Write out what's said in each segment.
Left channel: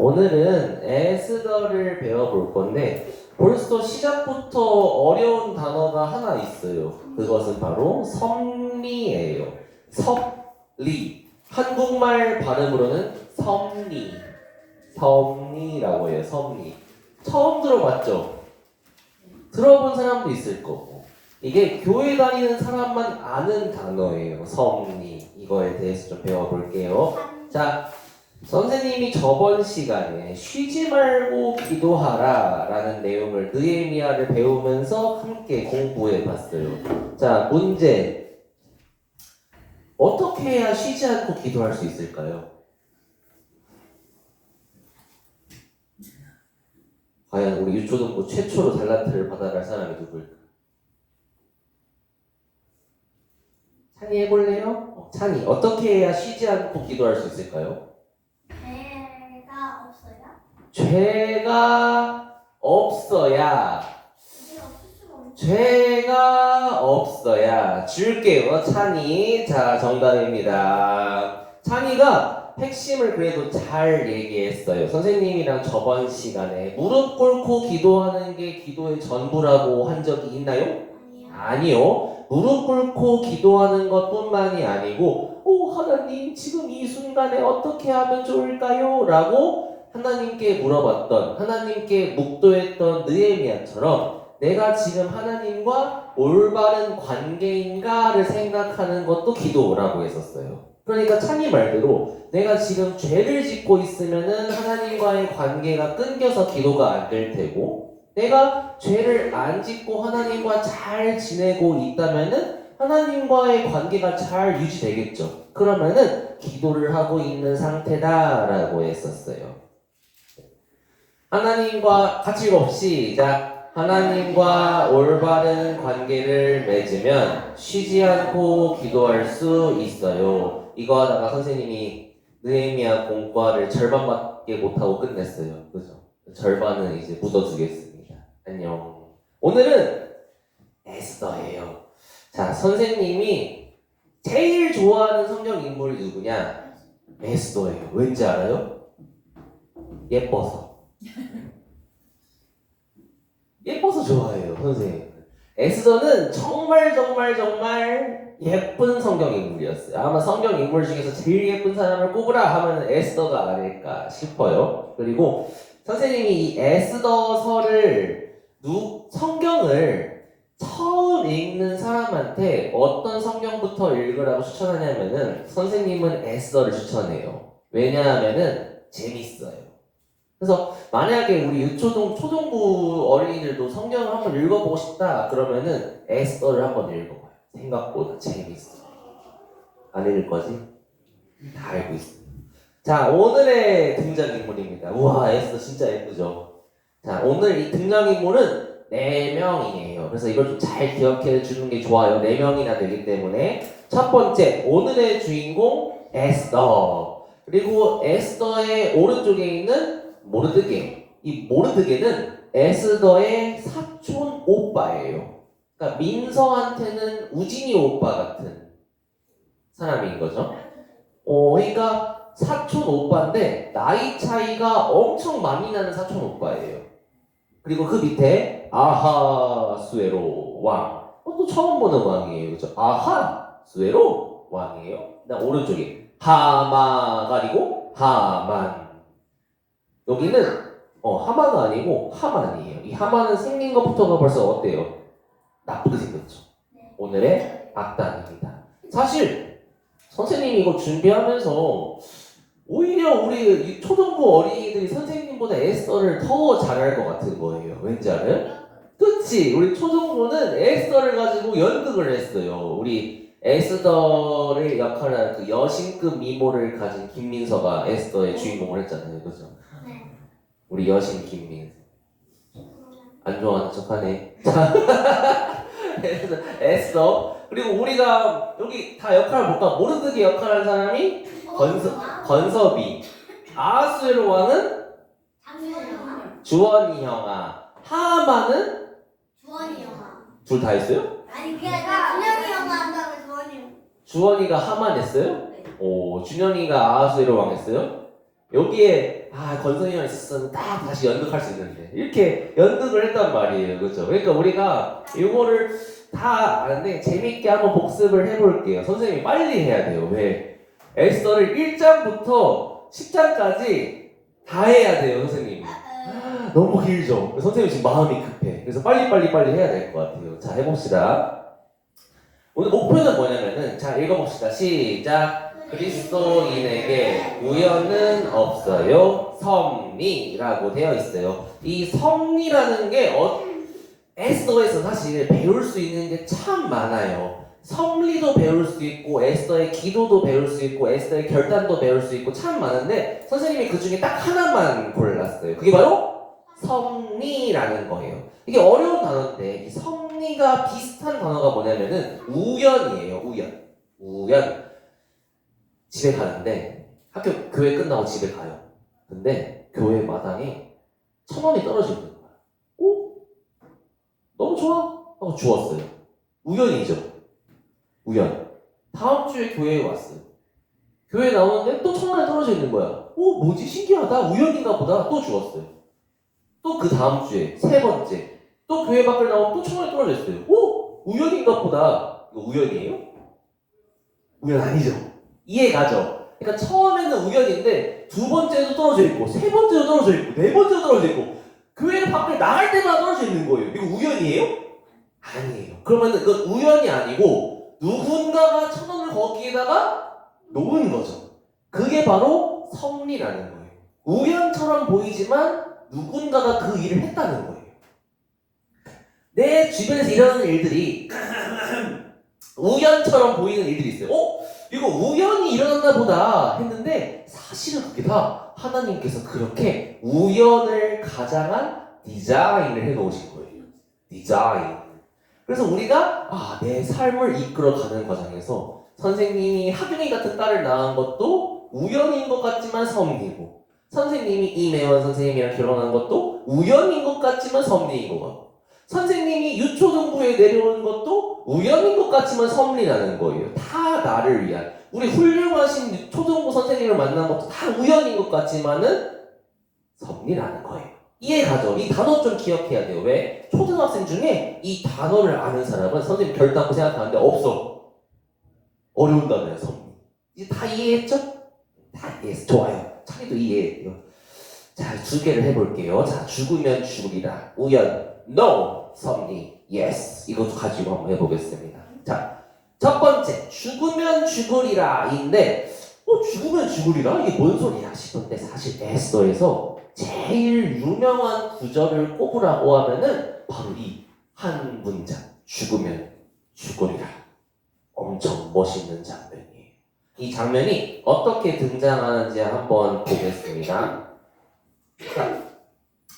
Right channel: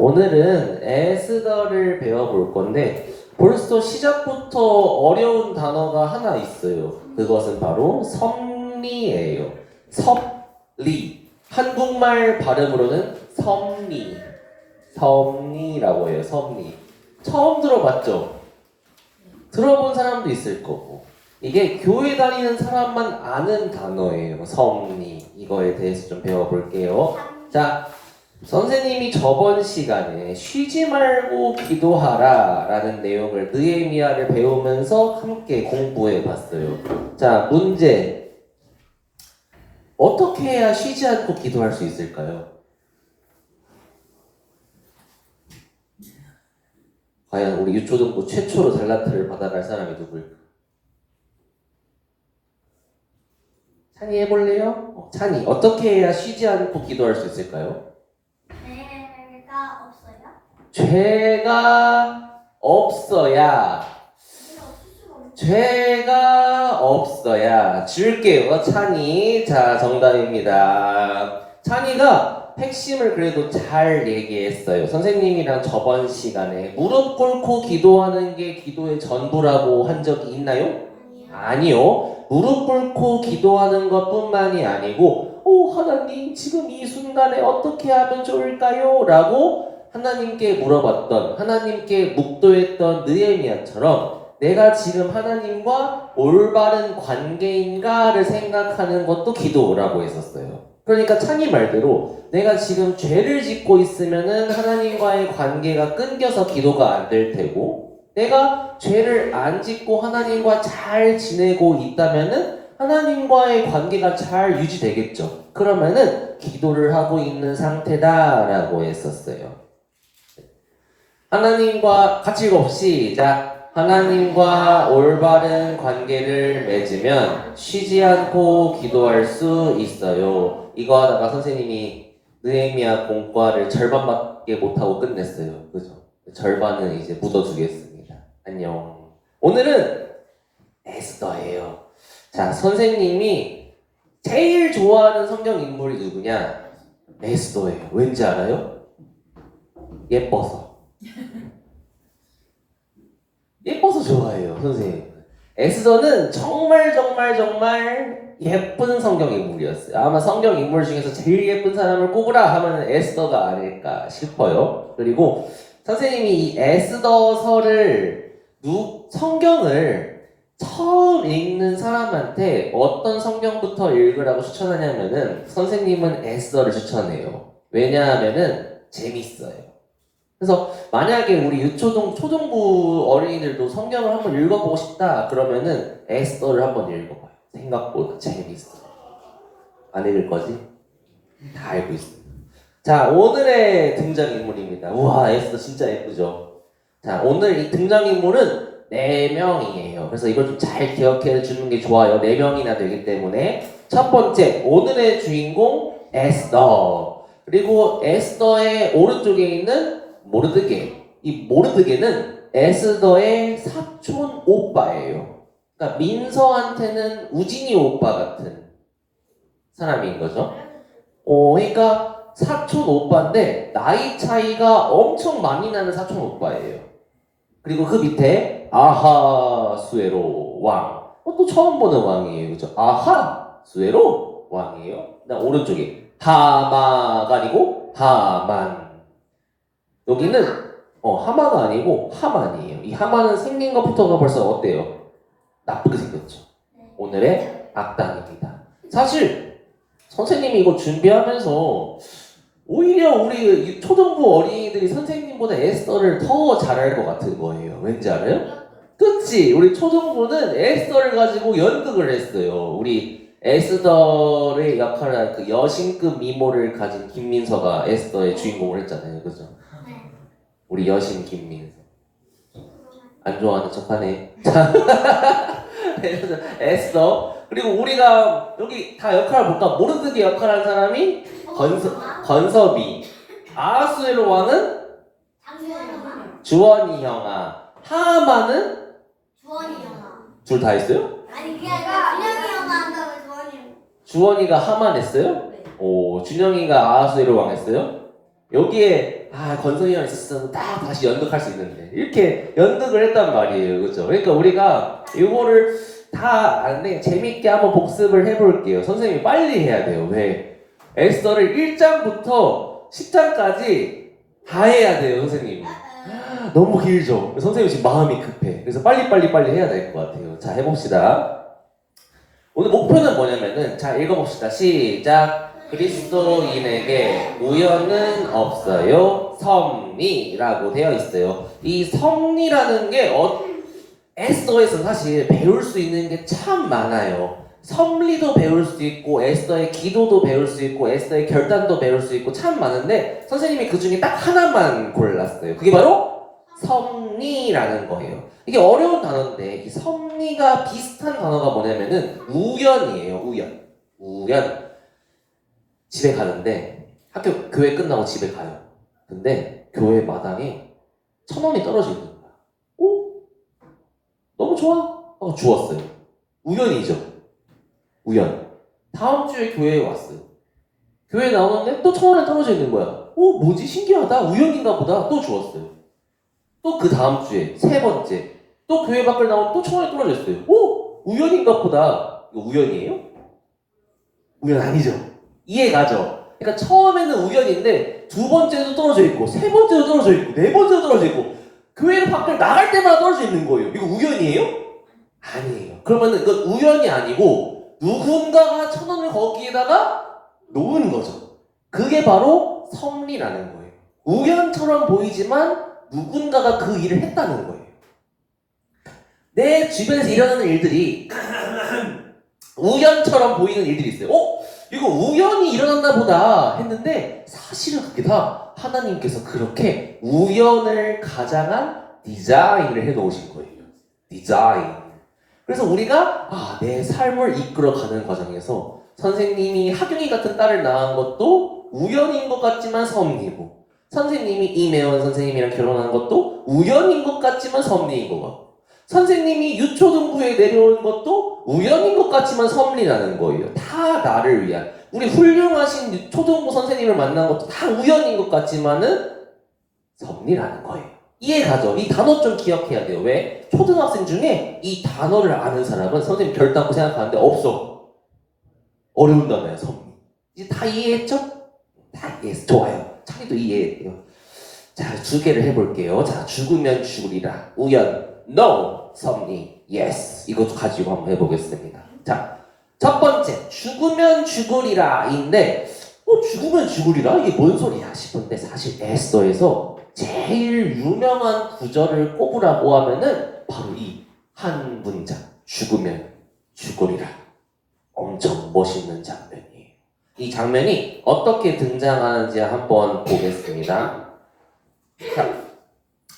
오늘은 에스더를 배워볼 건데 벌써 시작부터 어려운 단어가 하나 있어요. 그것은 바로 섭리예요. 섭리. 한국말 발음으로는 섭리. 섭리라고 해요. 섭리. 처음 들어봤죠? 들어본 사람도 있을 거고. 이게 교회 다니는 사람만 아는 단어예요. 섭리. 이거에 대해서 좀 배워볼게요. 자, 선생님이 저번 시간에 쉬지 말고 기도하라 라는 내용을 느헤미야를 배우면서 함께 공부해 봤어요. 자, 문제. 어떻게 해야 쉬지 않고 기도할 수 있을까요? 과연 우리 유초등부 최초로 달란트를 받아갈 사람이 누구일까? 찬이 해볼래요? 찬이, 어떻게 해야 쉬지 않고 기도할 수 있을까요? 죄가 없어야 줄게요. 찬이. 자, 정답입니다. 찬이가 핵심을 그래도 잘 얘기했어요. 선생님이랑 저번 시간에 무릎 꿇고 기도하는 게 기도의 전부라고 한 적이 있나요? 아니요. 무릎 꿇고 기도하는 것뿐만이 아니고 하나님 지금 이 순간에 어떻게 하면 좋을까요? 라고 하나님께 물어봤던, 하나님께 묵도했던 느헤미야처럼 내가 지금 하나님과 올바른 관계인가를 생각하는 것도 기도라고 했었어요. 그러니까 찬이 말대로 내가 지금 죄를 짓고 있으면은 하나님과의 관계가 끊겨서 기도가 안 될 테고, 내가 죄를 안 짓고 하나님과 잘 지내고 있다면은 하나님과의 관계가 잘 유지되겠죠. 그러면은 기도를 하고 있는 상태다라고 했었어요. 하나님과 같이 읽어 시작. 하나님과 올바른 관계를 맺으면 쉬지 않고 기도할 수 있어요. 이거 하다가 선생님이 느헤미야 공과를 절반밖에 못하고 끝냈어요. 그죠? 절반은 이제 묻어두겠습니다. 안녕. 오늘은 에스더예요. 자, 선생님이 제일 좋아하는 성경 인물이 누구냐? 에스더예요. 왠지 알아요? 예뻐서. 예뻐서 좋아해요, 선생님. 에스더는 정말 예쁜 성경 인물이었어요. 아마 성경 인물 중에서 제일 예쁜 사람을 꼽으라 하면 에스더가 아닐까 싶어요. 그리고 선생님이 이 에스더서를 성경을 처음 읽는 사람한테 어떤 성경부터 읽으라고 추천하냐면은 선생님은 에스더를 추천해요. 왜냐하면은 재밌어요. 그래서 만약에 우리 초중부 어린이들도 성경을 한번 읽어보고 싶다 그러면은 에스더를 한번 읽어봐요. 생각보다 재밌어요. 안 읽을 거지? 다 알고 있어요. 자, 오늘의 등장인물입니다. 우와, 에스더 진짜 예쁘죠? 자, 오늘 이 등장인물은 4명이에요. 그래서 이걸 좀 잘 기억해 주는 게 좋아요. 4명이나 되기 때문에. 첫 번째, 오늘의 주인공 에스더. 그리고 에스더의 오른쪽에 있는 모르드게. 이 모르드게는 에스더의 사촌 오빠예요. 그러니까 민서한테는 우진이 오빠 같은 사람인 거죠. 그러니까 사촌 오빠인데 나이 차이가 엄청 많이 나는 사촌 오빠예요. 그리고 그 밑에 아하수에로 왕. 또 처음 보는 왕이에요. 그죠? 아하수에로 왕이에요. 그다음 오른쪽에 하마가 아니고 하만. 여기는 하마가 아니고 하만이에요. 이 하만은 생긴 것부터가 벌써 어때요? 나쁘게 생겼죠. 오늘의 악당입니다. 사실 선생님이 이거 준비하면서 오히려 우리 초등부 어린이들이 선생님보다 에스더를 더 잘할 것 같은 거예요. 왠지 알아요? 그치? 우리 초등부는 에스더를 가지고 연극을 했어요. 우리 에스더의 역할을 한 그 여신급 미모를 가진 김민서가 에스더의 주인공을 했잖아요. 그죠? 우리 여신 김민서. 안 좋아하는 척하네. 에스더. 그리고 우리가 여기 다 역할을 볼까? 모르드게 역할한 사람이 건섭이. 아하수에로 왕은 주원이 형아. 하만은 주원이 형아. 둘 다 했어요? 아니 그게 아니라 준영이 형아 한다고 주원이 형. 주원이가 하만 했어요? 네. 준영이가 아하수에로 왕 했어요? 여기에 건성이가 있었으면 딱 다시 연극할 수 있는데 이렇게 연극을 했단 말이에요, 그렇죠? 그러니까 우리가 이거를 다 아는데 재밌게 한번 복습을 해볼게요. 선생님이 빨리 해야 돼요. 왜? 에스더를 1장부터 10장까지 다 해야 돼요, 선생님이. 너무 길죠? 선생님 지금 마음이 급해. 그래서 빨리 해야 될 것 같아요. 자, 해봅시다. 오늘 목표는 뭐냐면은, 자, 읽어봅시다. 시작. 그리스도인에게 우연은 없어요. 섭리라고 되어 있어요. 이 섭리라는 게 에스더에서 사실 배울 수 있는 게 참 많아요. 섭리도 배울 수 있고 에스더의 기도도 배울 수 있고 에스더의 결단도 배울 수 있고 참 많은데 선생님이 그 중에 딱 하나만 골랐어요. 그게 바로 섭리라는 거예요. 이게 어려운 단어인데 이 섭리가 비슷한 단어가 뭐냐면은 우연이에요. 우연. 집에 가는데 교회 끝나고 집에 가요. 근데 교회 마당에 1,000원이 떨어져 있는 거야. 오? 너무 좋아. 주웠어요. 우연이죠. 우연. 다음 주에 교회에 왔어요. 교회에 나오는데 또 1,000원이 떨어져 있는 거야. 뭐지? 신기하다. 우연인가 보다. 또 주웠어요. 또 그 다음 주에 3번째. 또 교회 밖을 나오면 또 1,000원이 떨어져 있어요. 우연인가 보다. 이거 우연이에요? 우연 아니죠. 이해가죠? 그러니까 처음에는 우연인데 2번째도 떨어져 있고 3번째도 떨어져 있고 4번째도 떨어져 있고 교회 밖을 나갈 때마다 떨어져 있는 거예요. 이거 우연이에요? 아니에요. 그러면은 이건 우연이 아니고 누군가가 1,000원을 거기에다가 놓은 거죠. 그게 바로 섭리라는 거예요. 우연처럼 보이지만 누군가가 그 일을 했다는 거예요. 내 주변에서 일어나는 일들이 우연처럼 보이는 일들이 있어요. 이거 우연히 일어났나 보다 했는데 사실은 그게 다 하나님께서 그렇게 우연을 가장한 디자인을 해놓으신 거예요. 디자인. 그래서 우리가 내 삶을 이끌어가는 과정에서 선생님이 하경이 같은 딸을 낳은 것도 우연인 것 같지만 섭리고 선생님이 이매원 선생님이랑 결혼한 것도 우연인 것 같지만 섭리인 것 같고 선생님이 유초등부에 내려오는 것도 우연인 것 같지만 섭리라는 거예요. 다 나를 위한. 우리 훌륭하신 초등부 선생님을 만난 것도 다 우연인 것 같지만은 섭리라는 거예요. 이해가죠? 이 단어 좀 기억해야 돼요. 왜? 초등학생 중에 이 단어를 아는 사람은 선생님 결단코 생각하는데 없어. 어려운 단어야, 섭리. 이제 다 이해했죠? 다 이해했어. 좋아요. 창의도 이해해요. 자, 2개를 해볼게요. 자, 죽으면 죽으리라. 우연. No. 섭리, yes. 이것도 가지고 한번 해보겠습니다. 자, 첫 번째, 죽으면 죽으리라인데, 죽으면 죽으리라? 이게 뭔 소리야 싶은데 사실 에스더에서 제일 유명한 구절을 꼽으라고 하면은 바로 이 한 문장, 죽으면 죽으리라. 엄청 멋있는 장면이에요. 이 장면이 어떻게 등장하는지 한번 보겠습니다. 자,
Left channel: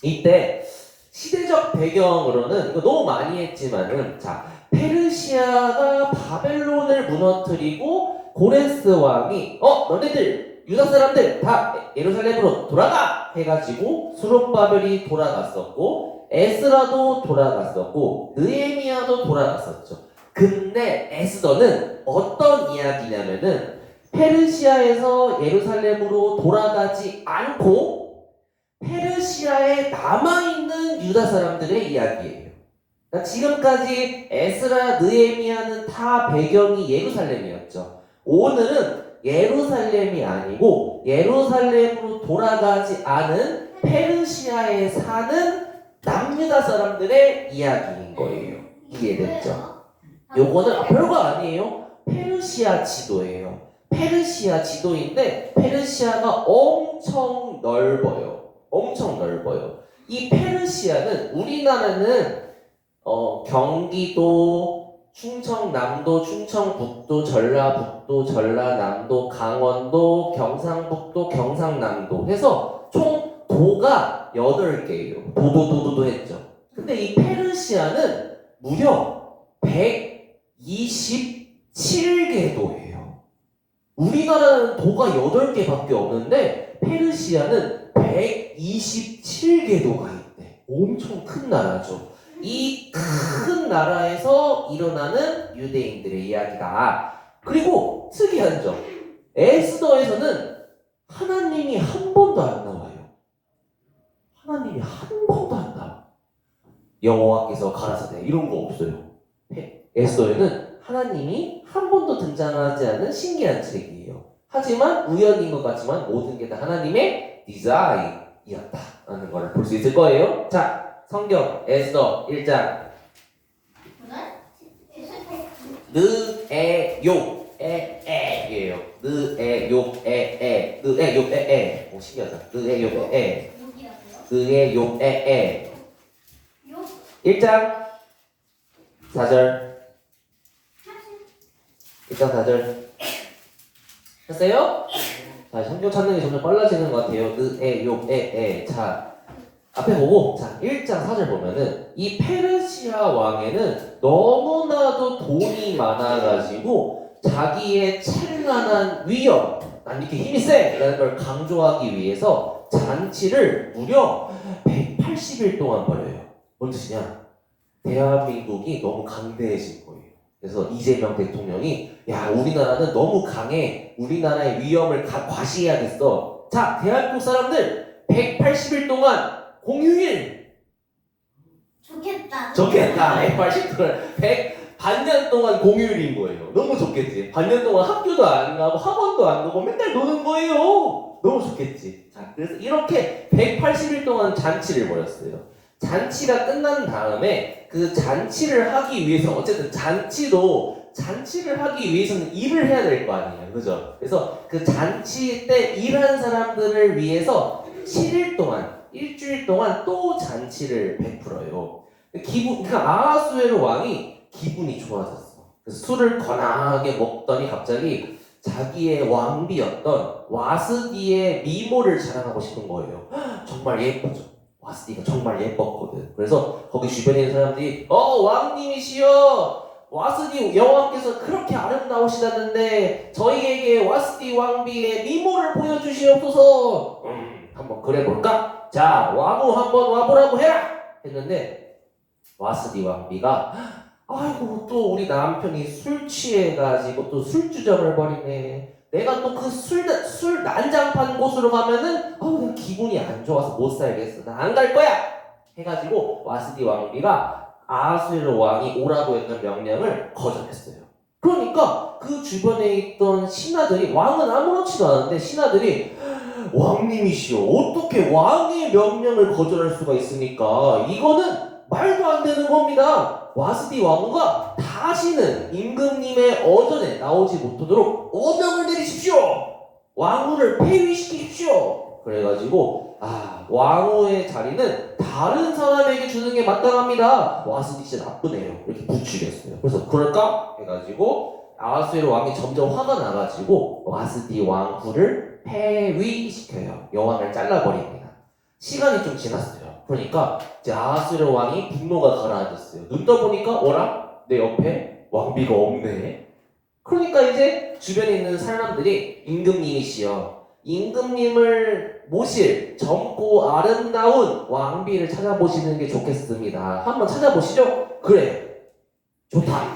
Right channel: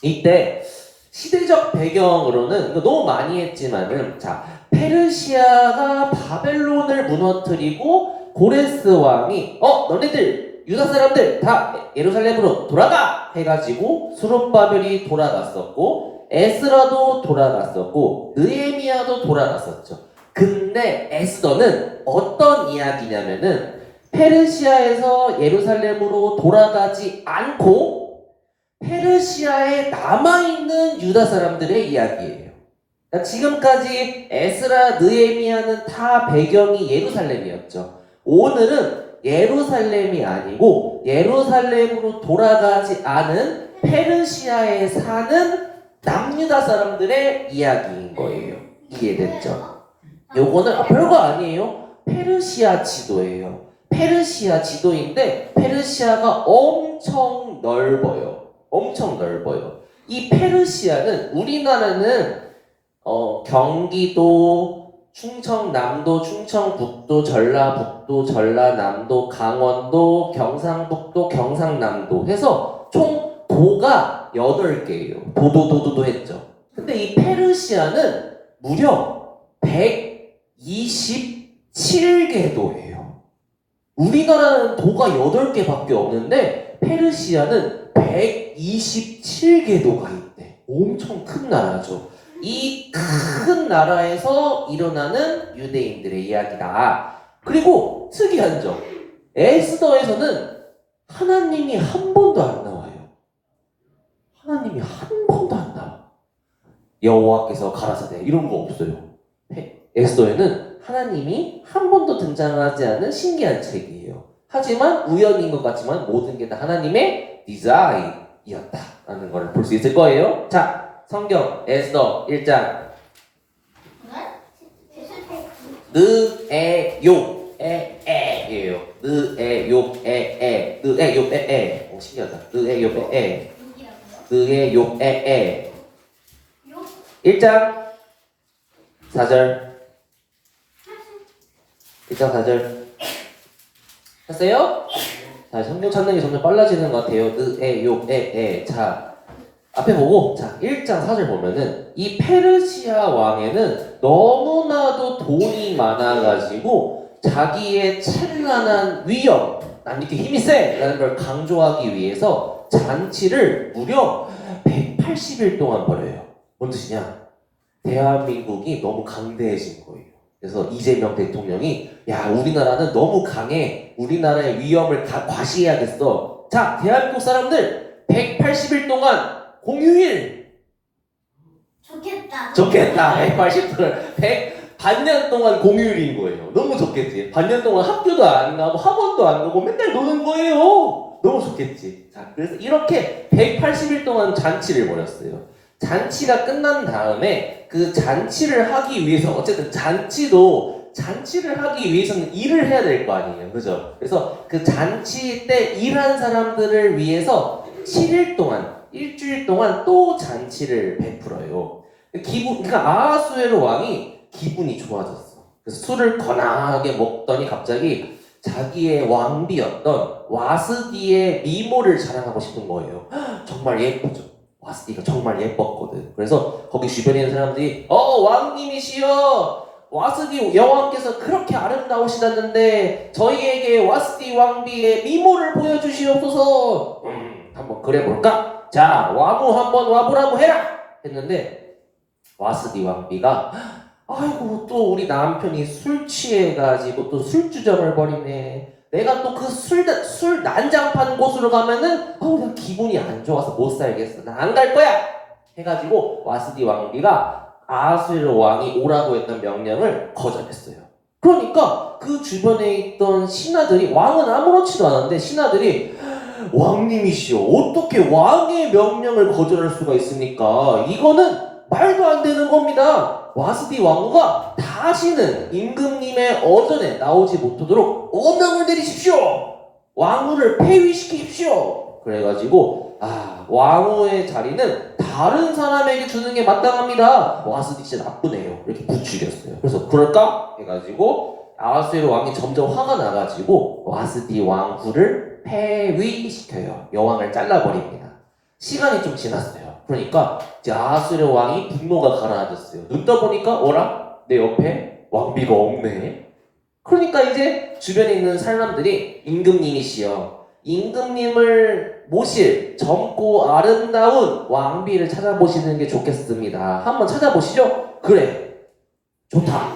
이때 시대적 배경으로는 이거 너무 많이 했지만은 자 페르시아가 바벨론을 무너뜨리고 고레스 왕이 너네들 유다 사람들 다 예루살렘으로 돌아가 해가지고 수룹바벨이 돌아갔었고 에스라도 돌아갔었고 느헤미야도 돌아갔었죠. 근데 에스더는 어떤 이야기냐면은 페르시아에서 예루살렘으로 돌아가지 않고 페르시아에 남아있는 유다 사람들의 이야기예요. 그러니까 지금까지 에스라, 느헤미야는 다 배경이 예루살렘이었죠. 오늘은 예루살렘이 아니고 예루살렘으로 돌아가지 않은 페르시아에 사는 남유다 사람들의 이야기인 거예요. 이해됐죠? 요거는 별거 아니에요. 페르시아 지도예요. 페르시아 지도인데 페르시아가 엄청 넓어요. 엄청 넓어요. 이 페르시아는 우리나라는 경기도, 충청남도, 충청북도, 전라북도, 전라남도, 강원도, 경상북도, 경상남도 해서 총 도가 8개예요. 도도도도도 했죠. 근데 이 페르시아는 무려 127개 도예요. 우리나라는 도가 8개밖에 없는데 페르시아는 127개 도가 있대. 엄청 큰 나라죠. 이 큰 나라에서 일어나는 유대인들의 이야기다. 그리고 특이한 점, 에스더에서는 하나님이 한 번도 안 나와요. 하나님이 한 번도 안 나와. 여호와께서 가라사대 이런 거 없어요. 에스더에는 하나님이 한 번도 등장하지 않은 신기한 책이에요. 하지만 우연인 것 같지만 모든 게 다 하나님의 디자인이었다라는 걸 볼 수 있을 거예요. 자, 성경 에스더 1장 느에욕에에예요. 느에욕에에 신기하다. 느에욕에에 느에욕에에 1장 4절 1장 4절 했어요? 자, 성경 찾는 게 점점 빨라지는 것 같아요. 느에욕에에 자, 앞에 보고 자 1장 4절 보면은 이 페르시아 왕에는 너무나도 돈이 많아가지고 자기의 찬란한 위엄 난 이렇게 힘이 세라는 걸 강조하기 위해서 잔치를 무려 180일 동안 벌여요. 뭔 뜻이냐? 대한민국이 너무 강대해진 거예요. 그래서 이재명 대통령이 야 우리나라는 너무 강해 우리나라의 위엄을 다 과시해야겠어. 자 대한민국 사람들 180일 동안 공휴일 좋겠다. 180동안 반년 동안 공휴일인 거예요. 너무 좋겠지. 반년 동안 학교도 안 가고 학원도 안 가고 맨날 노는 거예요. 너무 좋겠지. 자, 그래서 이렇게 180일 동안 잔치를 벌였어요. 잔치가 끝난 다음에 그 잔치를 하기 위해서 어쨌든 잔치를 하기 위해서는 일을 해야 될 거 아니에요. 그죠? 그래서 그 잔치 때 일한 사람들을 위해서 7일 동안 일주일 동안 또 잔치를 베풀어요. 그러니까 아하수에로 왕이 기분이 좋아졌어. 그래서 술을 거나하게 먹더니 갑자기 자기의 왕비였던 와스디의 미모를 자랑하고 싶은 거예요. 정말 예쁘죠. 와스디가 정말 예뻤거든. 그래서 거기 주변에 있는 사람들이 왕님이시여 와스디 여왕께서 그렇게 아름다우시다는데 저희에게 와스디 왕비의 미모를 보여주시옵소서. 한번 그래볼까? 자 와무 한번 와보라고 해라 했는데 와스디 왕비가 아이고 또 우리 남편이 술 취해가지고 또 술주정을 벌이네. 내가 또 그 술 난장판 곳으로 가면은 나 기분이 안 좋아서 못 살겠어. 나 안 갈 거야. 해가지고 와스디 왕비가 아하수에로 왕이 오라고 했던 명령을 거절했어요. 그러니까 그 주변에 있던 신하들이 왕은 아무렇지도 않은데 신하들이 왕님이시여 어떻게 왕의 명령을 거절할 수가 있습니까? 이거는 말도 안 되는 겁니다. 와스디 왕후가 다시는 임금님의 어전에 나오지 못하도록 어명을 내리십시오. 왕후를 폐위시키십시오. 그래가지고 왕후의 자리는 다른 사람에게 주는 게 마땅합니다. 와스디 진짜 나쁘네요. 이렇게 부추겼어요. 그래서 그럴까? 해가지고 아하수에로 왕이 점점 화가 나가지고 와스디 왕후를 폐위시켜요. 여왕을 잘라버립니다. 시간이 좀 지났어요. 그러니까 이제 아하수에로 왕이 분노가 가라앉았어요. 눈 떠보니까 어라? 내 옆에 왕비가 없네. 그러니까 이제 주변에 있는 사람들이 임금님이시여 임금님을 모실 젊고 아름다운 왕비를 찾아보시는 게 좋겠습니다. 한번 찾아보시죠. 그래 좋다.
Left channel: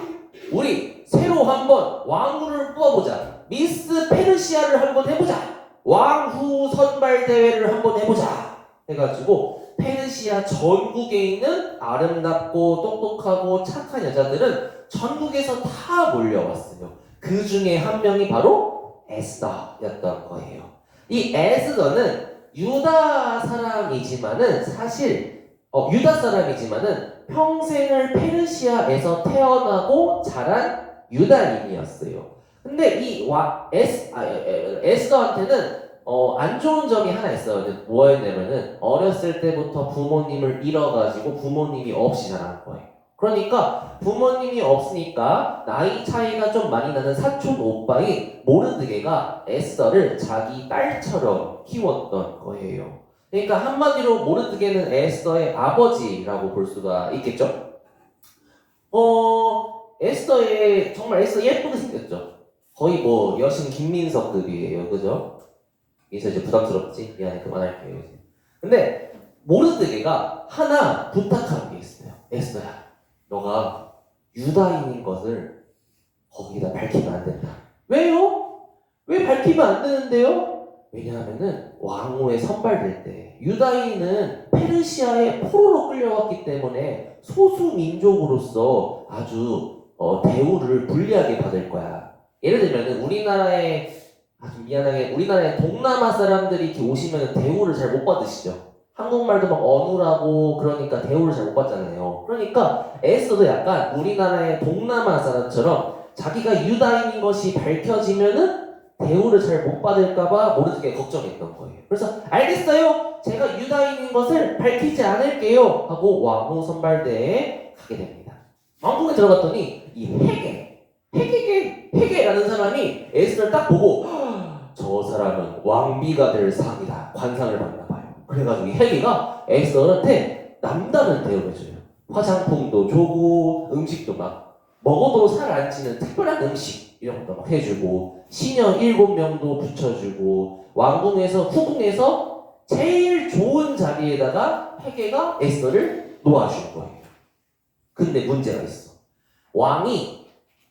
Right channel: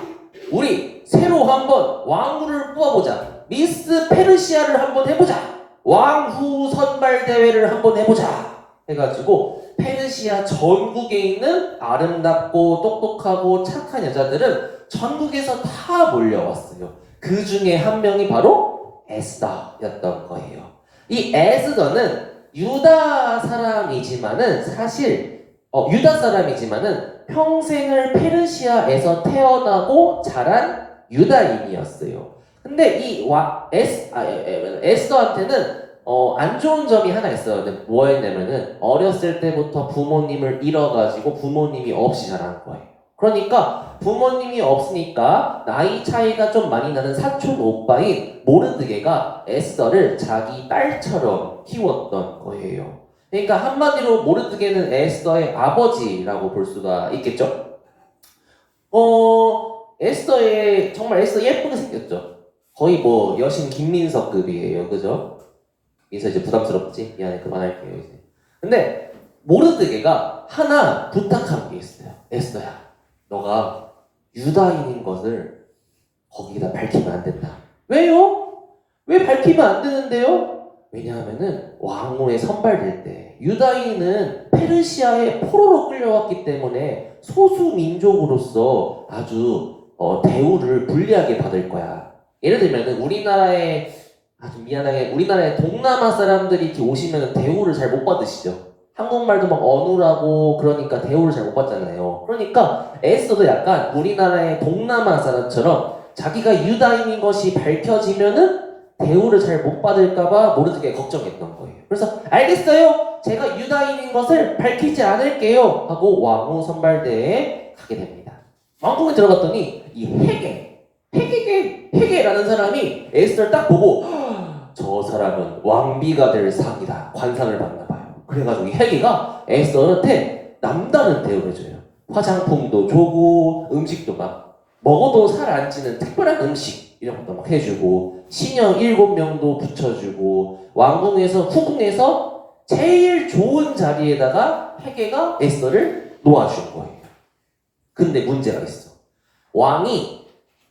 우리 새로 한번 왕후를 뽑아보자. 미스 페르시아를 한번 해보자. 왕후 선발 대회를 한번 해보자. 해가지고 페르시아 전국에 있는 아름답고 똑똑하고 착한 여자들은 전국에서 다 몰려왔어요. 그 중에 한 명이 바로 에스더였던 거예요. 이 에스더는 유다 사람이지만은 평생을 페르시아에서 태어나고 자란 유다인이었어요. 근데 이 에스더한테는 안 좋은 점이 하나 있어요. 뭐였냐면은 어렸을 때부터 부모님을 잃어가지고 부모님이 없이 자란 거예요. 그러니까 부모님이 없으니까 나이 차이가 좀 많이 나는 사촌 오빠인 모르드게가 에스더를 자기 딸처럼 키웠던 거예요. 그러니까 한마디로 모르드게는 에스더의 아버지라고 볼 수가 있겠죠. 정말 에스더 예쁘게 생겼죠. 거의 뭐 여신 김민석급이에요, 그죠? 여기서 이제 부담스럽지? 미안해, 그만할게요 이제. 근데 모르드게가 하나 부탁한 게 있어요. 에스더야, 너가 유다인인 것을 거기다 밝히면 안 된다. 왜요? 왜 밝히면 안 되는데요? 왜냐하면은 왕후에 선발될 때 유다인은 페르시아에 포로로 끌려왔기 때문에 소수 민족으로서 아주 대우를 불리하게 받을 거야. 예를 들면은 우리나라에 아주 미안하게 우리나라의 동남아 사람들이 이렇게 오시면 대우를 잘 못 받으시죠. 한국말도 막 어눌하고 그러니까 대우를 잘 못 받잖아요. 그러니까 에스더도 약간 우리나라의 동남아 사람처럼 자기가 유다인인 것이 밝혀지면은 대우를 잘 못 받을까봐 모르게 걱정했던 거예요. 그래서 알겠어요. 제가 유다인인 것을 밝히지 않을게요. 하고 왕후 선발대에 가게 됩니다. 왕궁에 들어갔더니 이 헤게라는 사람이 에스더를 딱 보고 저 사람은 왕비가 될 상이다. 관상을 받나 봐요. 그래가지고 이 헤게가 에스더한테 남다른 대우를 줘요. 화장품도 주고 음식도 막 먹어도 살 안 찌는 특별한 음식 이런 것도 막 해주고 신녀 7명도 붙여주고 왕궁에서 후궁에서 제일 좋은 자리에다가 헤게가 에스더를 놓아준 거예요. 근데 문제가 있어. 왕이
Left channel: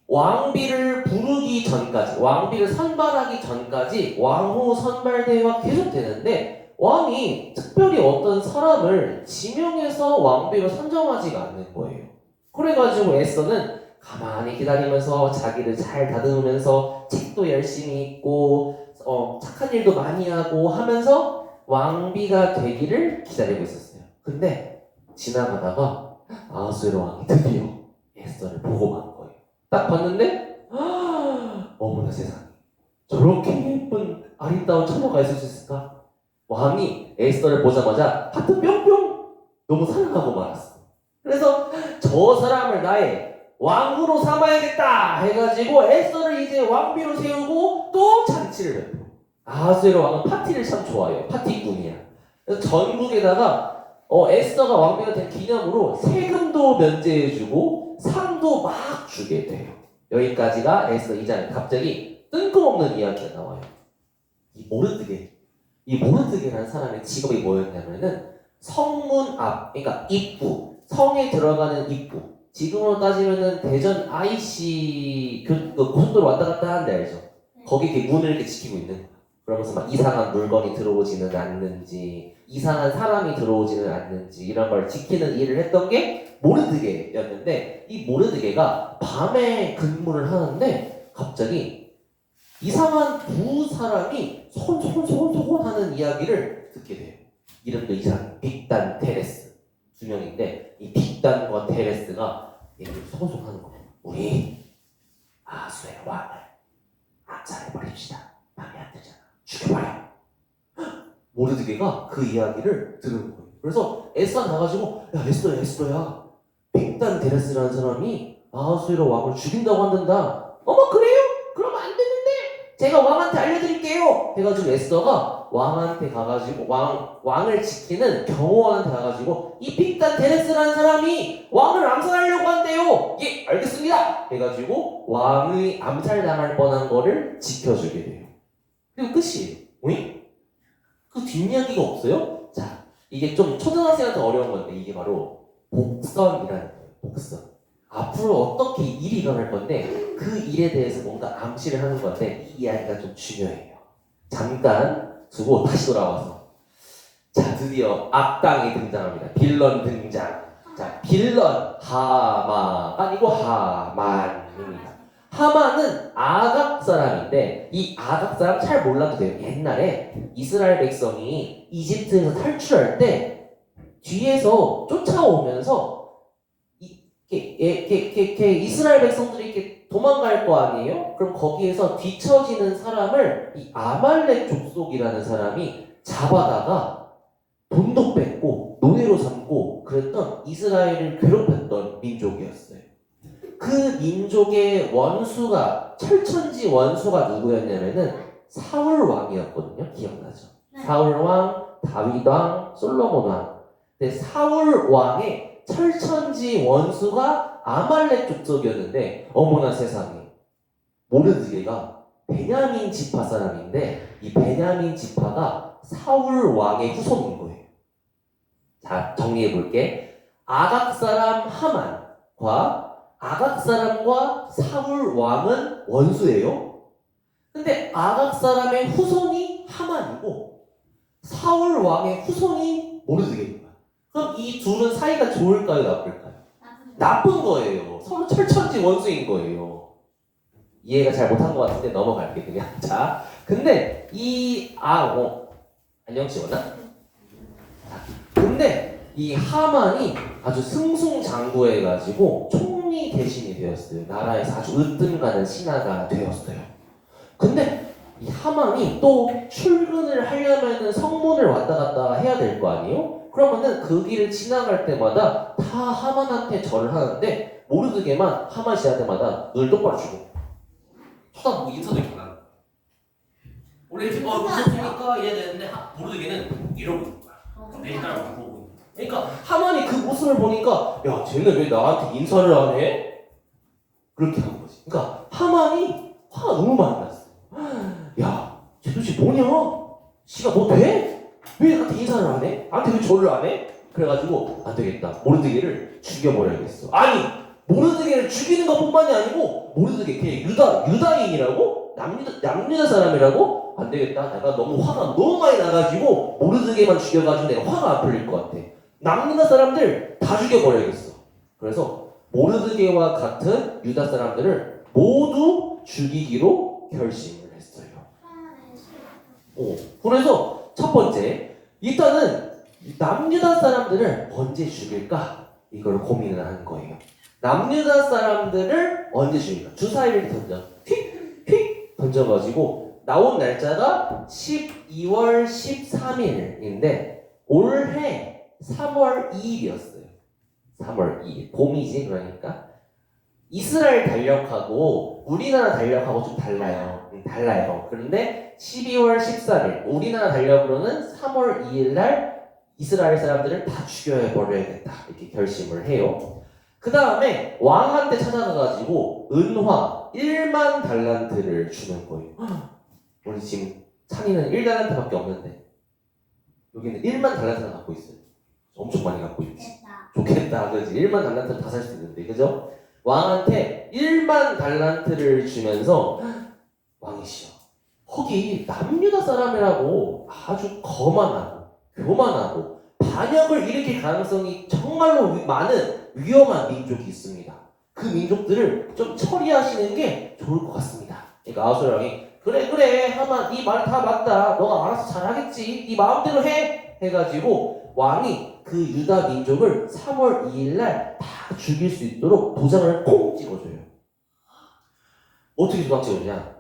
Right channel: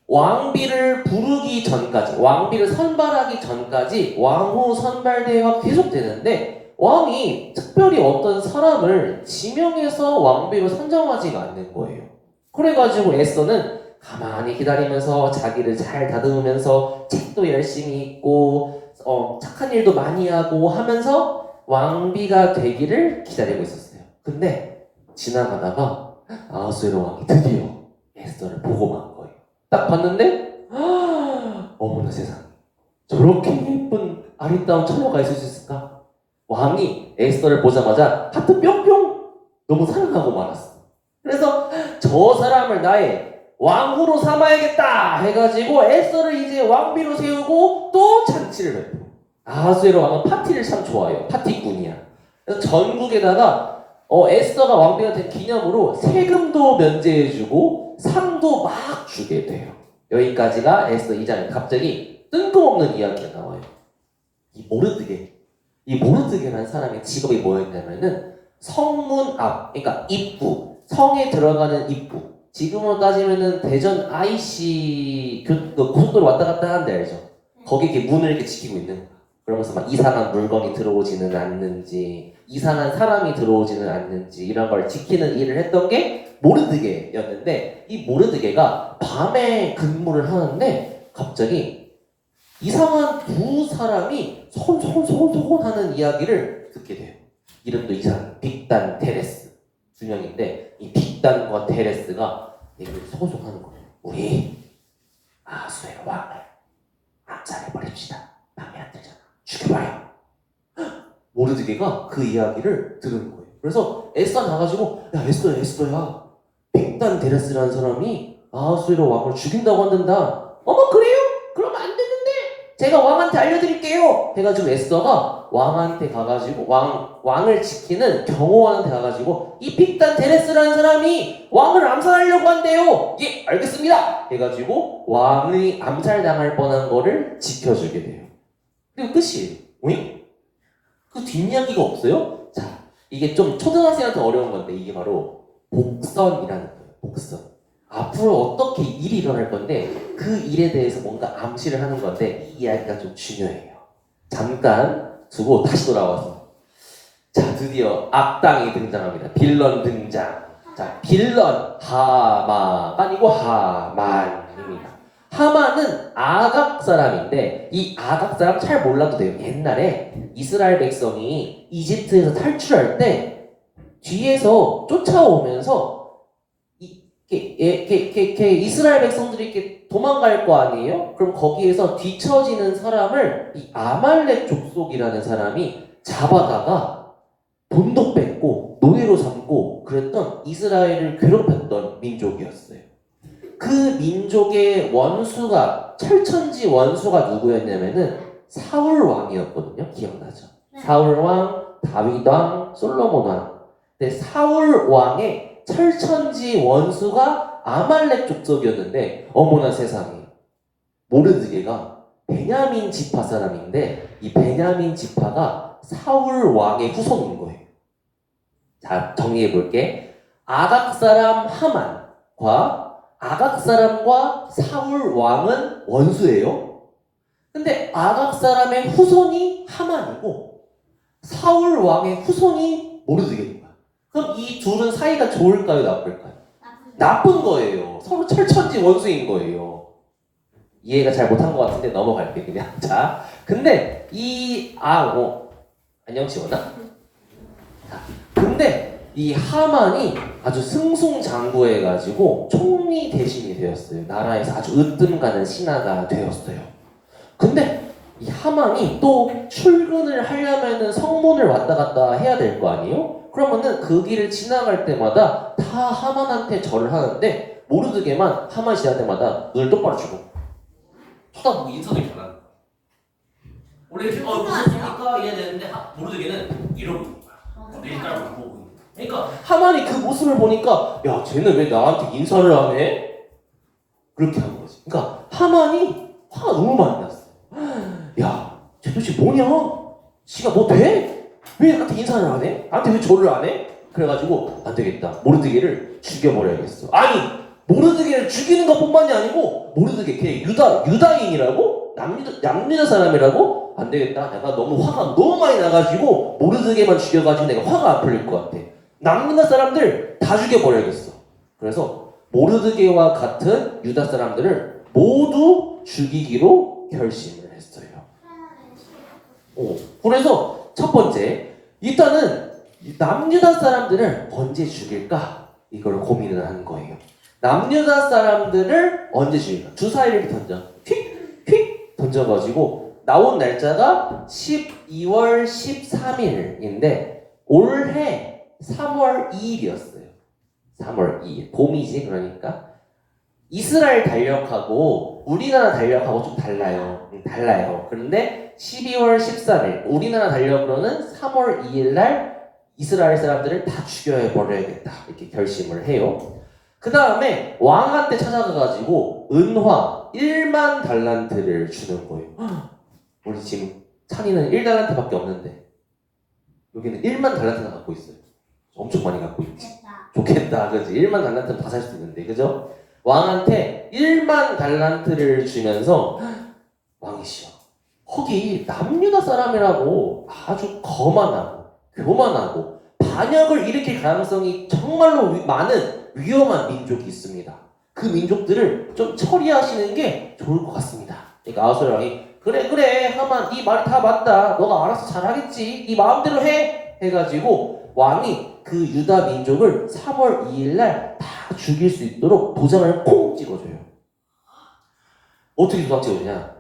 왕비를 부르기 전까지, 왕비를 선발하기 전까지 왕후 선발대회가 계속되는데 왕이 특별히 어떤 사람을 지명해서 왕비로 선정하지가 않는 거예요. 그래가지고 에스더는 가만히 기다리면서 자기를 잘 다듬으면서 책도 열심히 읽고 착한 일도 많이 하고 하면서 왕비가 되기를 기다리고 있었어요. 근데 지나가다가 아하수에로 왕이 드디어 에스더를 보고 만 거예요. 딱 봤는데 어머나 세상에 저렇게 예쁜 아리따운 처녀가 있을 수 있을까? 왕이 에스더를 보자마자 하트 뿅뿅 너무 사랑하고 말았어. 그래서 저 사람을 나의 왕후로 삼아야겠다 해가지고 에스더를 이제 왕비로 세우고 또 잔치를 해요. 아하수에로 왕은 파티를 참 좋아해요. 파티꾼이야. 그래서 전국에다가 에스더가 왕비가 된 기념으로 세금도 면제해주고 상도 막 주게 돼요. 여기까지가 에스더 2장에 갑자기 뜬금없는 이야기가 나와요. 이 모르드게라는 사람의 직업이 뭐였냐면은 성문 앞, 그러니까 입구, 성에 들어가는 입구. 지금으로 따지면은 대전 IC 고속도로 왔다 갔다 하는데 알죠? 거기 이렇게 문을 이렇게 지키고 있는 거야. 그러면서 막 이상한 물건이 들어오지는 않는지, 이상한 사람이 들어오지는 않는지 이런 걸 지키는 일을 했던 게 모르드게였는데 이 모르드게가 밤에 근무를 하는데 갑자기 이상한 두 사람이 소곤소곤 하는 이야기를 듣게 돼요. 이름도 이상 빅단 테레스 두 명인데 이 빅단과 테레스가 얘기를 소곤소곤 하는 거예요. 우리 아하수의 왕을 암살해버립시다. 밤에 안 되잖아. 죽여버려. 모르드게가 그 이야기를 들은 거예요. 그래서 에스더 나가지고 야 에스더야 빅단 테레스라는 사람이 아하수에로 왕을 죽인다고 한단다. 어머 그래요? 그럼 안 되는데 제가 왕한테 알려드릴게요 해가지고 에스더가 왕한테 가가지고 왕을 지키는 경호원한테 가가지고 이 빅단 테레스라는 사람이 왕을 암살하려고 한대요. 예 알겠습니다 해가지고 왕이 암살당할 뻔한 거를 지켜주게 돼요. 그리고 끝이에요. 오잉? 그 뒷이야기가 없어요? 자, 이게 좀 초등학생한테 어려운 건데 이게 바로 복선이라는 거예요. 복선. 앞으로 어떻게 일이 일어날 건데 그 일에 대해서 뭔가 암시를 하는 건데 이 이야기가 좀 중요해요. 잠깐 두고 다시 돌아와서 자 드디어 악당이 등장합니다. 빌런 등장. 자 빌런 하마가 아니고 하만입니다. 하만은 아각 사람인데 이 아각 사람 잘 몰라도 돼요. 옛날에 이스라엘 백성이 이집트에서 탈출할 때 뒤에서 쫓아오면서 이스라엘 백성들이 이렇게 도망갈 거 아니에요? 그럼 거기에서 뒤처지는 사람을 이 아말렉 족속이라는 사람이 잡아다가 돈도 뺏고 노예로 삼고 그랬던 이스라엘을 괴롭혔던 민족이었어요. 그 민족의 원수가 철천지 원수가 누구였냐면은 사울 왕이었거든요. 기억나죠? 네. 사울 왕, 다윗 왕, 솔로몬 왕. 근데 사울 왕의 철천지 원수가 아말렉 족속이었는데 어머나 세상에 모르드게가 베냐민 지파 사람인데 이 베냐민 지파가 사울 왕의 후손인 거예요. 자 정리해 볼게. 아각 사람 하만과 아각 사람과 사울 왕은 원수예요. 근데 아각 사람의 후손이 하만이고 사울 왕의 후손이 모르드게인 거야. 그럼 이 둘은 사이가 좋을까요, 나쁠까요? 나쁜 거예요. 서로 철천지 원수인 거예요. 이해가 잘 못한 것 같은데 넘어갈게 그냥. 자, 근데 안녕 지원아. 자, 근데 이 하만이 아주 승승장구해가지고 총리 대신이 되었어요. 나라에서 아주 으뜸가는 신하가 되었어요. 근데 이 하만이 또 출근을 하려면은 성문을 왔다 갔다 해야 될 거 아니에요? 그러면은 그 길을 지나갈 때마다 다 하만한테 절을 하는데 모르드게만 하만 씨할 때마다 눈을 똑바로 주고 쳐다보고 인사도 이렇게 안 하는 거야. 원래 이렇게 무슨 소리니까 이래야 되는데 모르드게는 이러고 있는 거야. 내 딸을 보고 있는 거야. 그러니까 하만이 그 모습을 보니까 야 쟤는 왜 나한테 인사를 안 해? 그렇게 한 거지. 그러니까 하만이 화가 너무 많이 났어. 야 쟤 도대체 뭐냐? 지가 뭐 돼? 왜 나한테 인사를 안 해? 나한테 왜 절을 안 해? 그래가지고 안 되겠다. 모르드게를 죽여버려야겠어. 아니 모르드게를 죽이는 것뿐만이 아니고 모르드게 걔 유다인이라고? 남유다 사람이라고? 안 되겠다. 내가 너무 화가 너무 많이 나가지고 모르드게만 죽여가지고 내가 화가 안 풀릴 것 같아. 남유다 사람들 다 죽여버려야겠어. 그래서 모르드게와 같은 유다 사람들을 모두 죽이기로 결심을 했어요. 그래서 첫 번째, 일단은 남유다 사람들을 언제 죽일까? 이걸 고민을 한 거예요. 남유다 사람들을 언제 죽일까? 주사위를 던져. 휙 던져가지고 나온 날짜가 12월 13일인데 올해 3월 2일이었어요. 3월 2일. 봄이지 그러니까. 이스라엘 달력하고 우리나라 달력하고 좀 달라요. 달라요. 그런데 12월 13일 우리나라 달력으로는 3월 2일 날 이스라엘 사람들을 다 죽여버려야겠다 이렇게 결심을 해요. 그 다음에 왕한테 찾아가가지고 은화 1만 달란트를 주는 거예요. 우리 지금 찬이는 1달란트밖에 없는데 여기는 1만 달란트나 갖고 있어요. 엄청 많이 갖고 있지. 좋겠다, 그지? 1만 달란트는 다 살 수 있는데, 그죠? 왕한테 1만 달란트를 주면서 왕이시여, 거기 남유다 사람이라고 아주 거만하고 교만하고 반역을 일으킬 가능성이 정말로 많은 위험한 민족이 있습니다. 그 민족들을 좀 처리하시는 게 좋을 것 같습니다. 그러니까 아하수엘 왕이 그래 하만 네 말 다 맞다. 너가 알아서 잘하겠지. 네 마음대로 해. 해가지고 왕이 그 유다 민족을 3월 2일 날 다 죽일 수 있도록 도장을 콩 찍어줘요. 어떻게 도장 찍어주냐?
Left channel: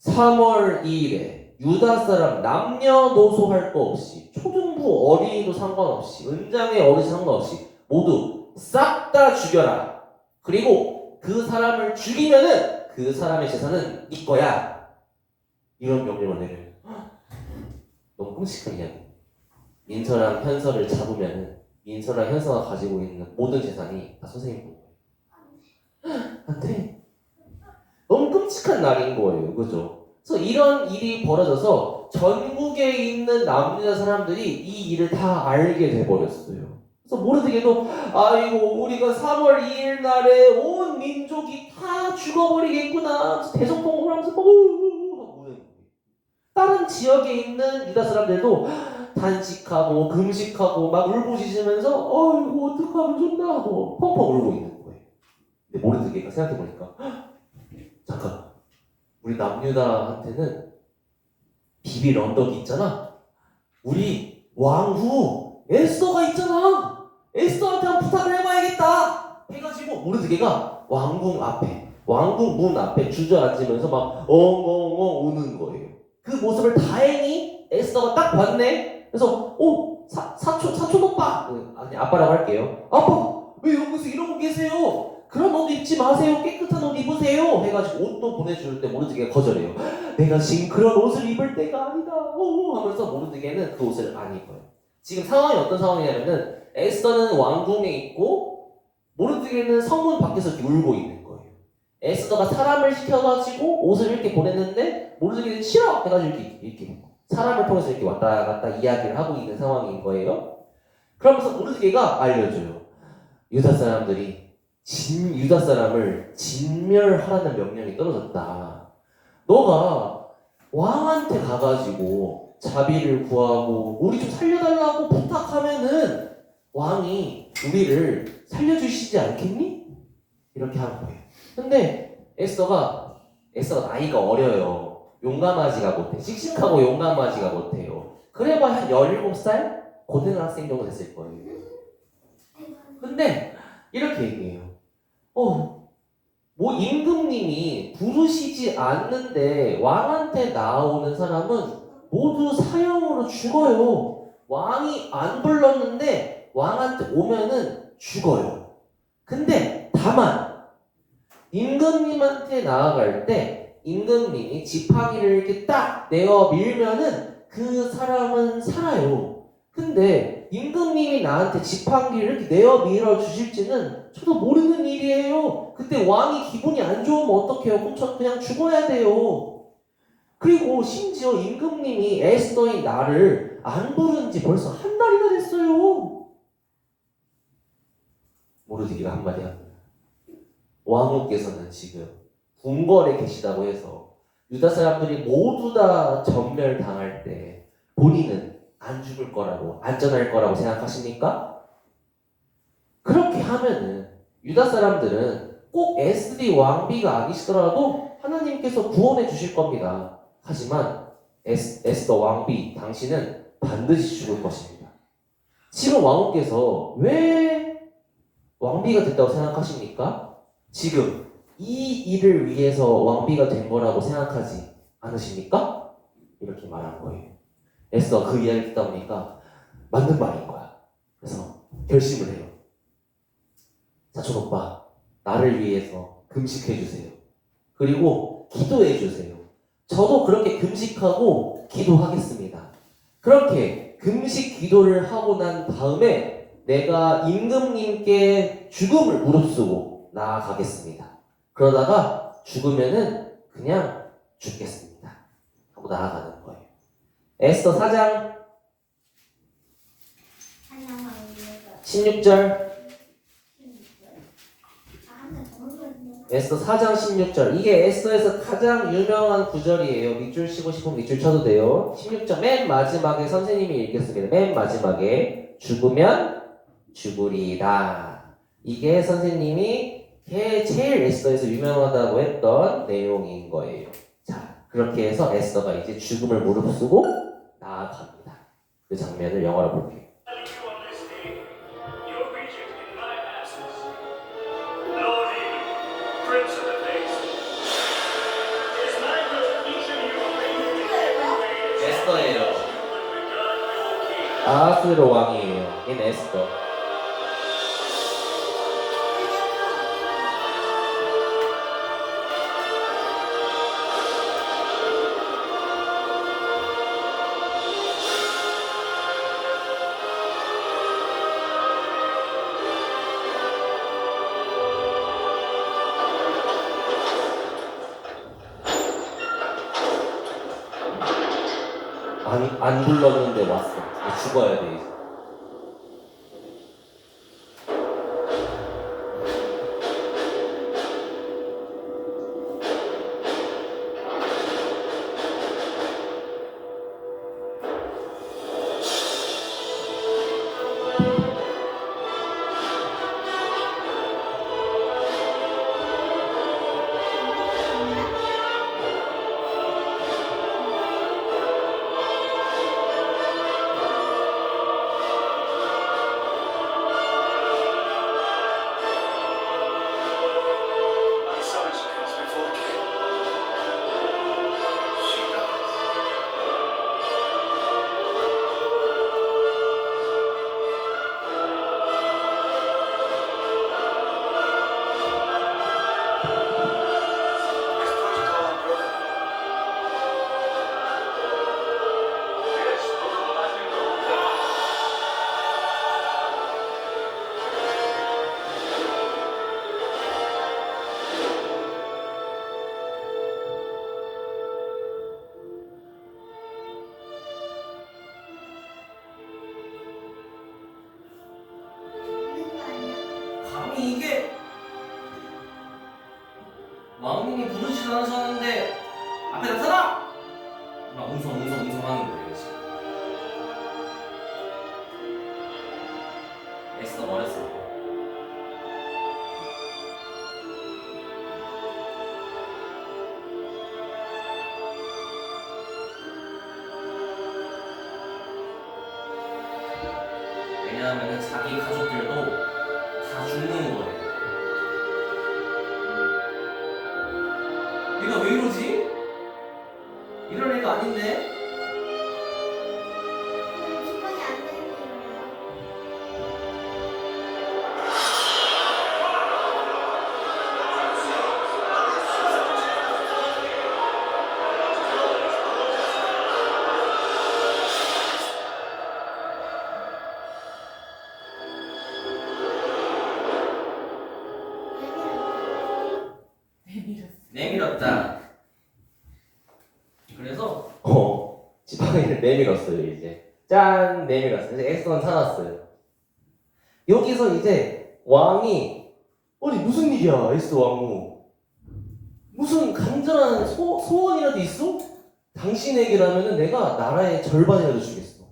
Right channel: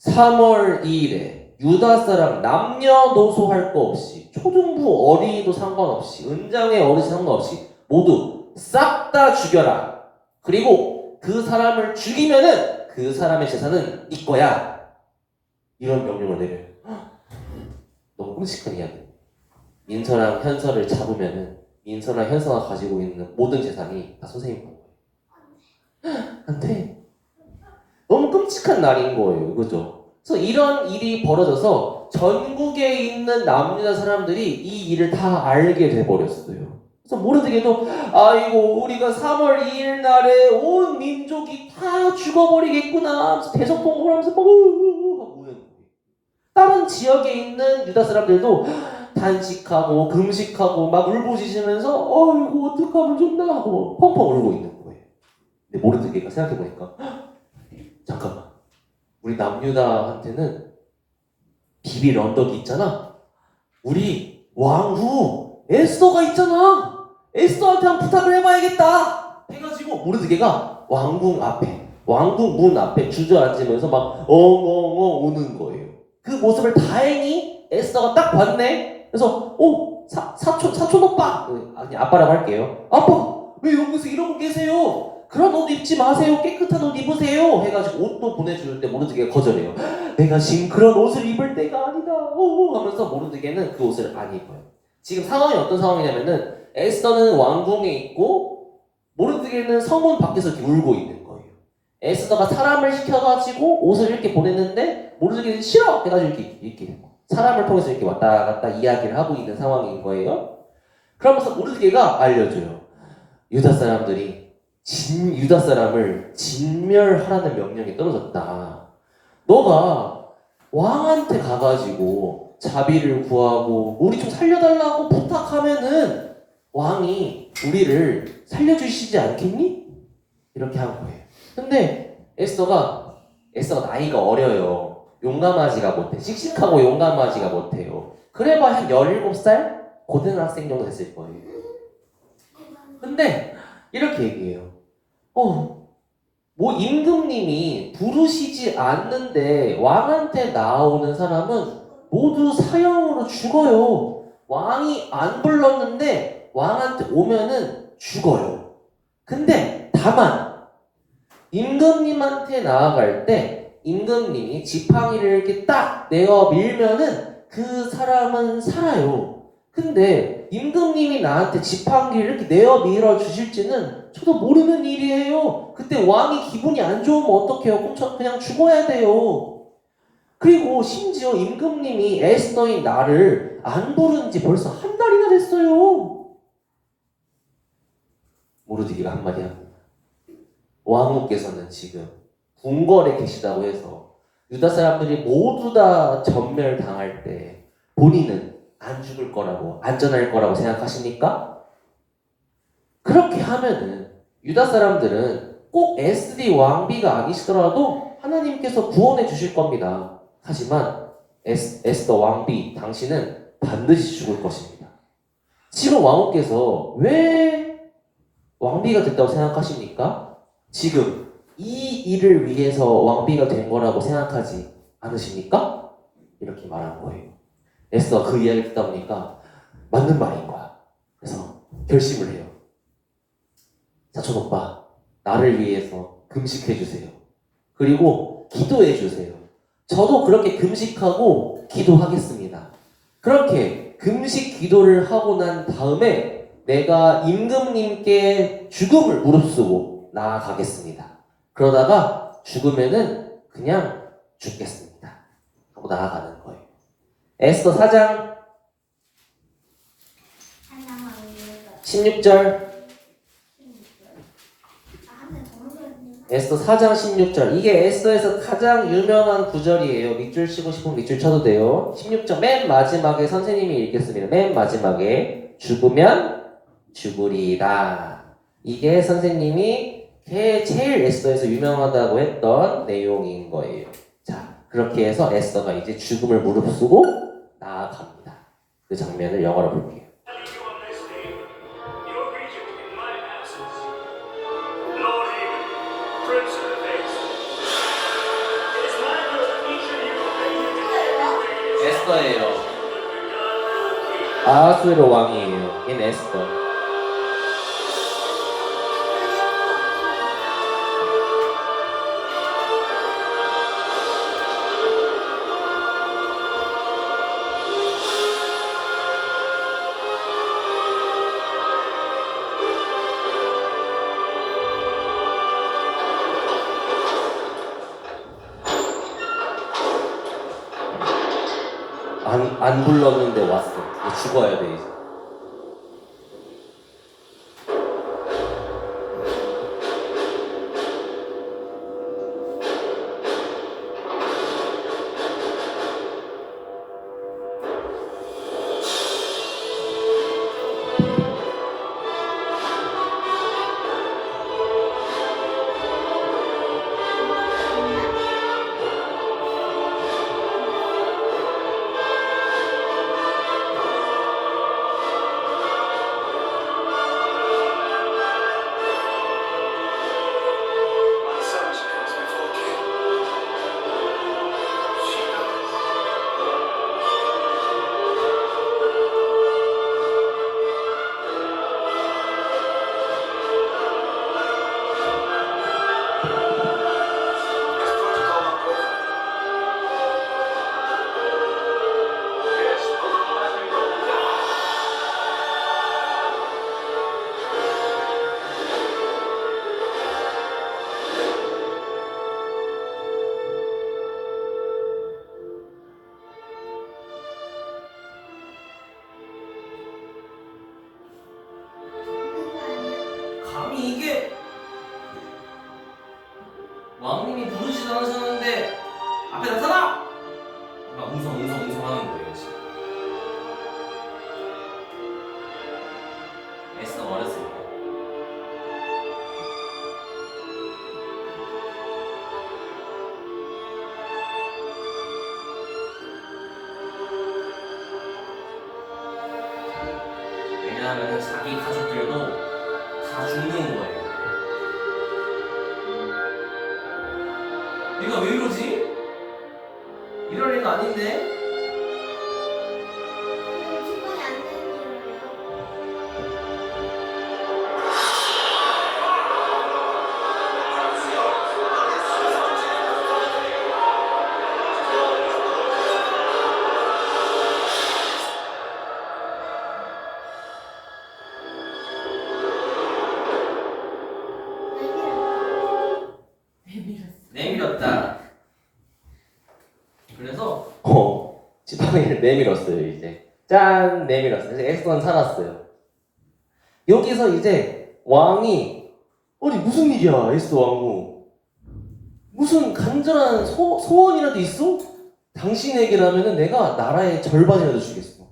3월 2일에 유다 사람 남녀노소 할 거 없이 초등부 어린이도 상관없이 은장의 어르신 상관없이 모두 싹 다 죽여라. 그리고 그 사람을 죽이면은 그 사람의 재산은 네 거야. 이런 명령을 내려요. 너무 끔찍한 이야기. 민서랑 현서를 잡으면은 민서랑 현서가 가지고 있는 모든 재산이 다 선생님 거예요. 안 돼. 너무 끔찍한 날인 거예요. 그죠? 그래서 이런 일이 벌어져서 전국에 있는 남유다 사람들이 이 일을 다 알게 돼버렸어요. 그래서 모르드게도 아이고 우리가 3월 2일 날에 온 민족이 다 죽어버리겠구나 대성통곡을 하면서 막 하고 우는 거예요. 다른 지역에 있는 유다 사람들도 단식하고 금식하고 막 울부짖으면서 이거 어떡하면 좋나 하고 펑펑 울고 있는 거예요. 근데 모르드게가 생각해보니까 잠깐만, 우리 남유다한테는 비빌 언덕이 있잖아. 우리 왕후 에스더가 있잖아. 에스더한테 한번 부탁을 해봐야겠다 해가지고 모르드게가 왕궁 문 앞에 주저앉으면서 막 엉엉엉 우는 거예요. 그 모습을 다행히 에스더가 딱 봤네. 그래서 사촌 오빠, 아니 아빠라고 할게요. 아빠 왜 여기서 이러고 계세요? 그런 옷 입지 마세요. 깨끗한 옷 입으세요. 해가지고 옷도 보내줄 때 모르드게가 거절해요. 내가 지금 그런 옷을 입을 때가 아니다. 하면서 모르드게는 그 옷을 안 입어요. 지금 상황이 어떤 상황이냐면은 에스더는 왕궁에 있고 모르드게는 성문 밖에서 이렇게 울고 있는 거예요. 에스더가 사람을 시켜가지고 옷을 이렇게 보냈는데 모르드게는 싫어 해가지고 이렇게 된 거예요. 사람을 통해서 이렇게 왔다 갔다 이야기를 하고 있는 상황인 거예요. 그러면서 모르드게가 알려줘요. 유다 사람들이 유다 사람을 진멸하라는 명령이 떨어졌다. 너가 왕한테 가가지고 자비를 구하고 우리 좀 살려달라고 부탁하면은 왕이 우리를 살려주시지 않겠니? 이렇게 한 거예요. 근데 에스더가 나이가 어려요. 용감하지가 못해. 씩씩하고 용감하지가 못해요. 그래봐야 한 17살? 고등학생 정도 됐을 거예요. 근데 이렇게 얘기해요. 뭐 임금님이 부르시지 않는데 왕한테 나오는 사람은 모두 사형으로 죽어요. 왕이 안 불렀는데 왕한테 오면은 죽어요. 근데 다만 임금님한테 나아갈 때 임금님이 지팡이를 이렇게 딱 내어 밀면은 그 사람은 살아요. 근데 임금님이 나한테 지팡이를 이렇게 내어 밀어 주실지는 저도 모르는 일이에요. 그때 왕이 기분이 안 좋으면 어떡해요? 그럼 저 그냥 죽어야 돼요. 그리고 심지어 임금님이 에스더인 나를 안 부른 지 벌써 한 달이나 됐어요. 모르드기가 한마디 합니다. 왕후께서는 지금 궁궐에 계시다고 해서 유다 사람들이 모두 다 전멸당할 때 본인은 안 죽을 거라고, 안전할 거라고 생각하십니까? 그렇게 하면은 유다 사람들은 꼭 에스디 왕비가 아니시더라도 하나님께서 구원해 주실 겁니다. 하지만 에스더 왕비, 당신은 반드시 죽을 것입니다. 지금 왕후께서 왜 왕비가 됐다고 생각하십니까? 지금 이 일을 위해서 왕비가 된 거라고 생각하지 않으십니까? 이렇게 말한 거예요. 에스더가 그 이야기를 듣다 보니까 맞는 말인 거야. 그래서 결심을 해요. 사촌 오빠, 나를 위해서 금식해 주세요. 그리고 기도해 주세요. 저도 그렇게 금식하고 기도하겠습니다. 그렇게 금식 기도를 하고 난 다음에 내가 임금님께 죽음을 무릅쓰고 나아가겠습니다. 그러다가 죽으면은 그냥 죽겠습니다. 하고 나아가는 거예요. 에스더 4장 16절. 에스더 4장 16절. 이게 에스더에서 가장 유명한 구절이에요. 밑줄 치고 싶으면 밑줄 쳐도 돼요. 16절 맨 마지막에 선생님이 읽겠습니다. 맨 마지막에 죽으면 죽으리라. 이게 선생님이 제일 에스더에서 유명하다고 했던 내용인 거예요. 자, 그렇게 해서 에스더가 이제 죽음을 무릅쓰고 나아갑니다. 그 장면을 영어로 볼게요. 에스더예요. 아하스로 왕이에요. 얘는 에스더. 안 불렀는데 왔어. 죽어야 돼 이제. 이게 왕님이 부르지도 않으셨는데 앞에 나타나! 막 웅성웅성 하는 거예요 지금. 에스더가 어렸을 때. 왜냐하면 자기 가족들도 다 죽는 거예요. 얘가 왜 이러지? 이럴 애가 아닌데? 기분이 안 되는 일이에요. 내밀었다. 그래서 지팡이를 내밀었어요. 이제 짠 내밀었어요. 이제 에스더는 살았어요. 여기서 이제 왕이 아니 무슨 일이야 에스더 왕후 무슨 간절한 소원이라도 있어? 당신에게라면은 내가 나라의 절반이라도 주겠어.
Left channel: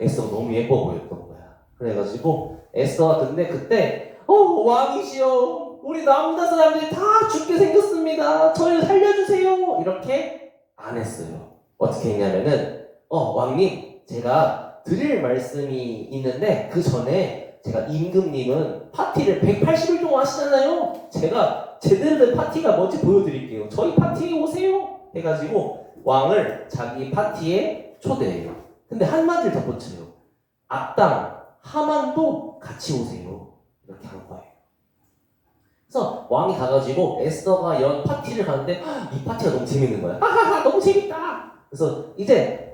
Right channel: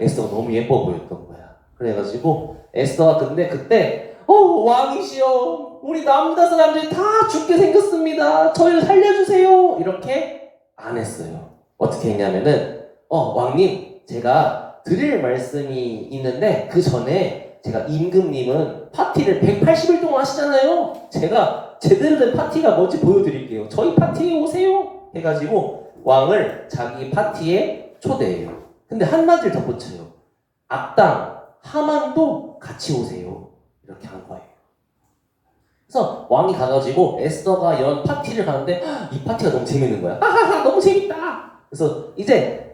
에스더가 너무 예뻐 보였던 거야. 그래가지고 에스더가 근데 그때 왕이시여 우리 남자 사람들이 다 죽게 생겼습니다. 저희를 살려주세요. 이렇게 안 했어요. 어떻게 했냐면은 왕님 제가 드릴 말씀이 있는데 그 전에 제가 임금님은 파티를 180일 동안 하시잖아요. 제가 제대로 된 파티가 뭔지 보여드릴게요. 저희 파티에 오세요. 해가지고 왕을 자기 파티에 초대해요. 근데 한마디를 덧붙여요. 악당 하만도 같이 오세요. 이렇게 한 거예요. 그래서 왕이 가가지고 에스더가 연 파티를 가는데 이 파티가 너무 재밌는 거야. 하하하 너무 재밌다. 그래서 이제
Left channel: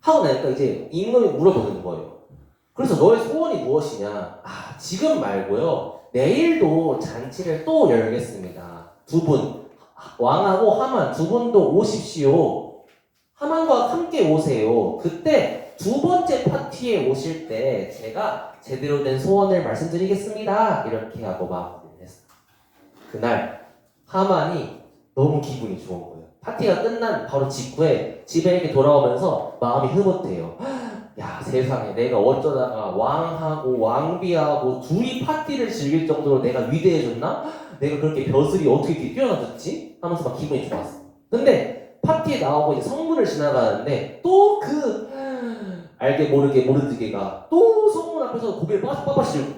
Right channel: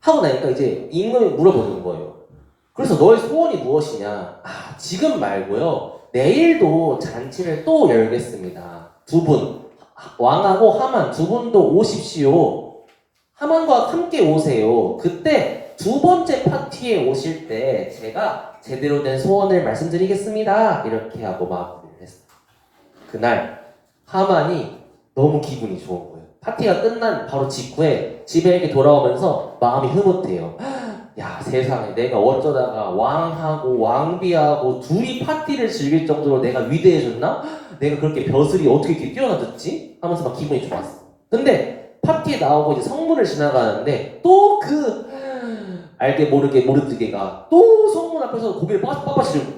하고 나니까 이제 임금이 물어보는 거예요. 그래서 너의 소원이 무엇이냐? 지금 말고요. 내일도 잔치를 또 열겠습니다. 두 분, 왕하고 하만 두 분도 오십시오. 하만과 함께 오세요. 그때 두 번째 파티에 오실 때 제가 제대로 된 소원을 말씀드리겠습니다. 이렇게 하고 마무리를 했어요. 그날 하만이 너무 기분이 좋은 거예요. 파티가 끝난 바로 직후에 집에 이렇게 돌아오면서 마음이 흐뭇해요. 야 세상에 내가 어쩌다가 왕하고 왕비하고 둘이 파티를 즐길 정도로 내가 위대해졌나? 내가 그렇게 벼슬이 어떻게 이렇게 뛰어나졌지? 하면서 막 기분이 좋았어. 근데 파티에 나오고 이제 성문을 지나가는데 또 그 알게 모르게 모르드게가 또 성문 앞에서 고개를 빳빳이 들고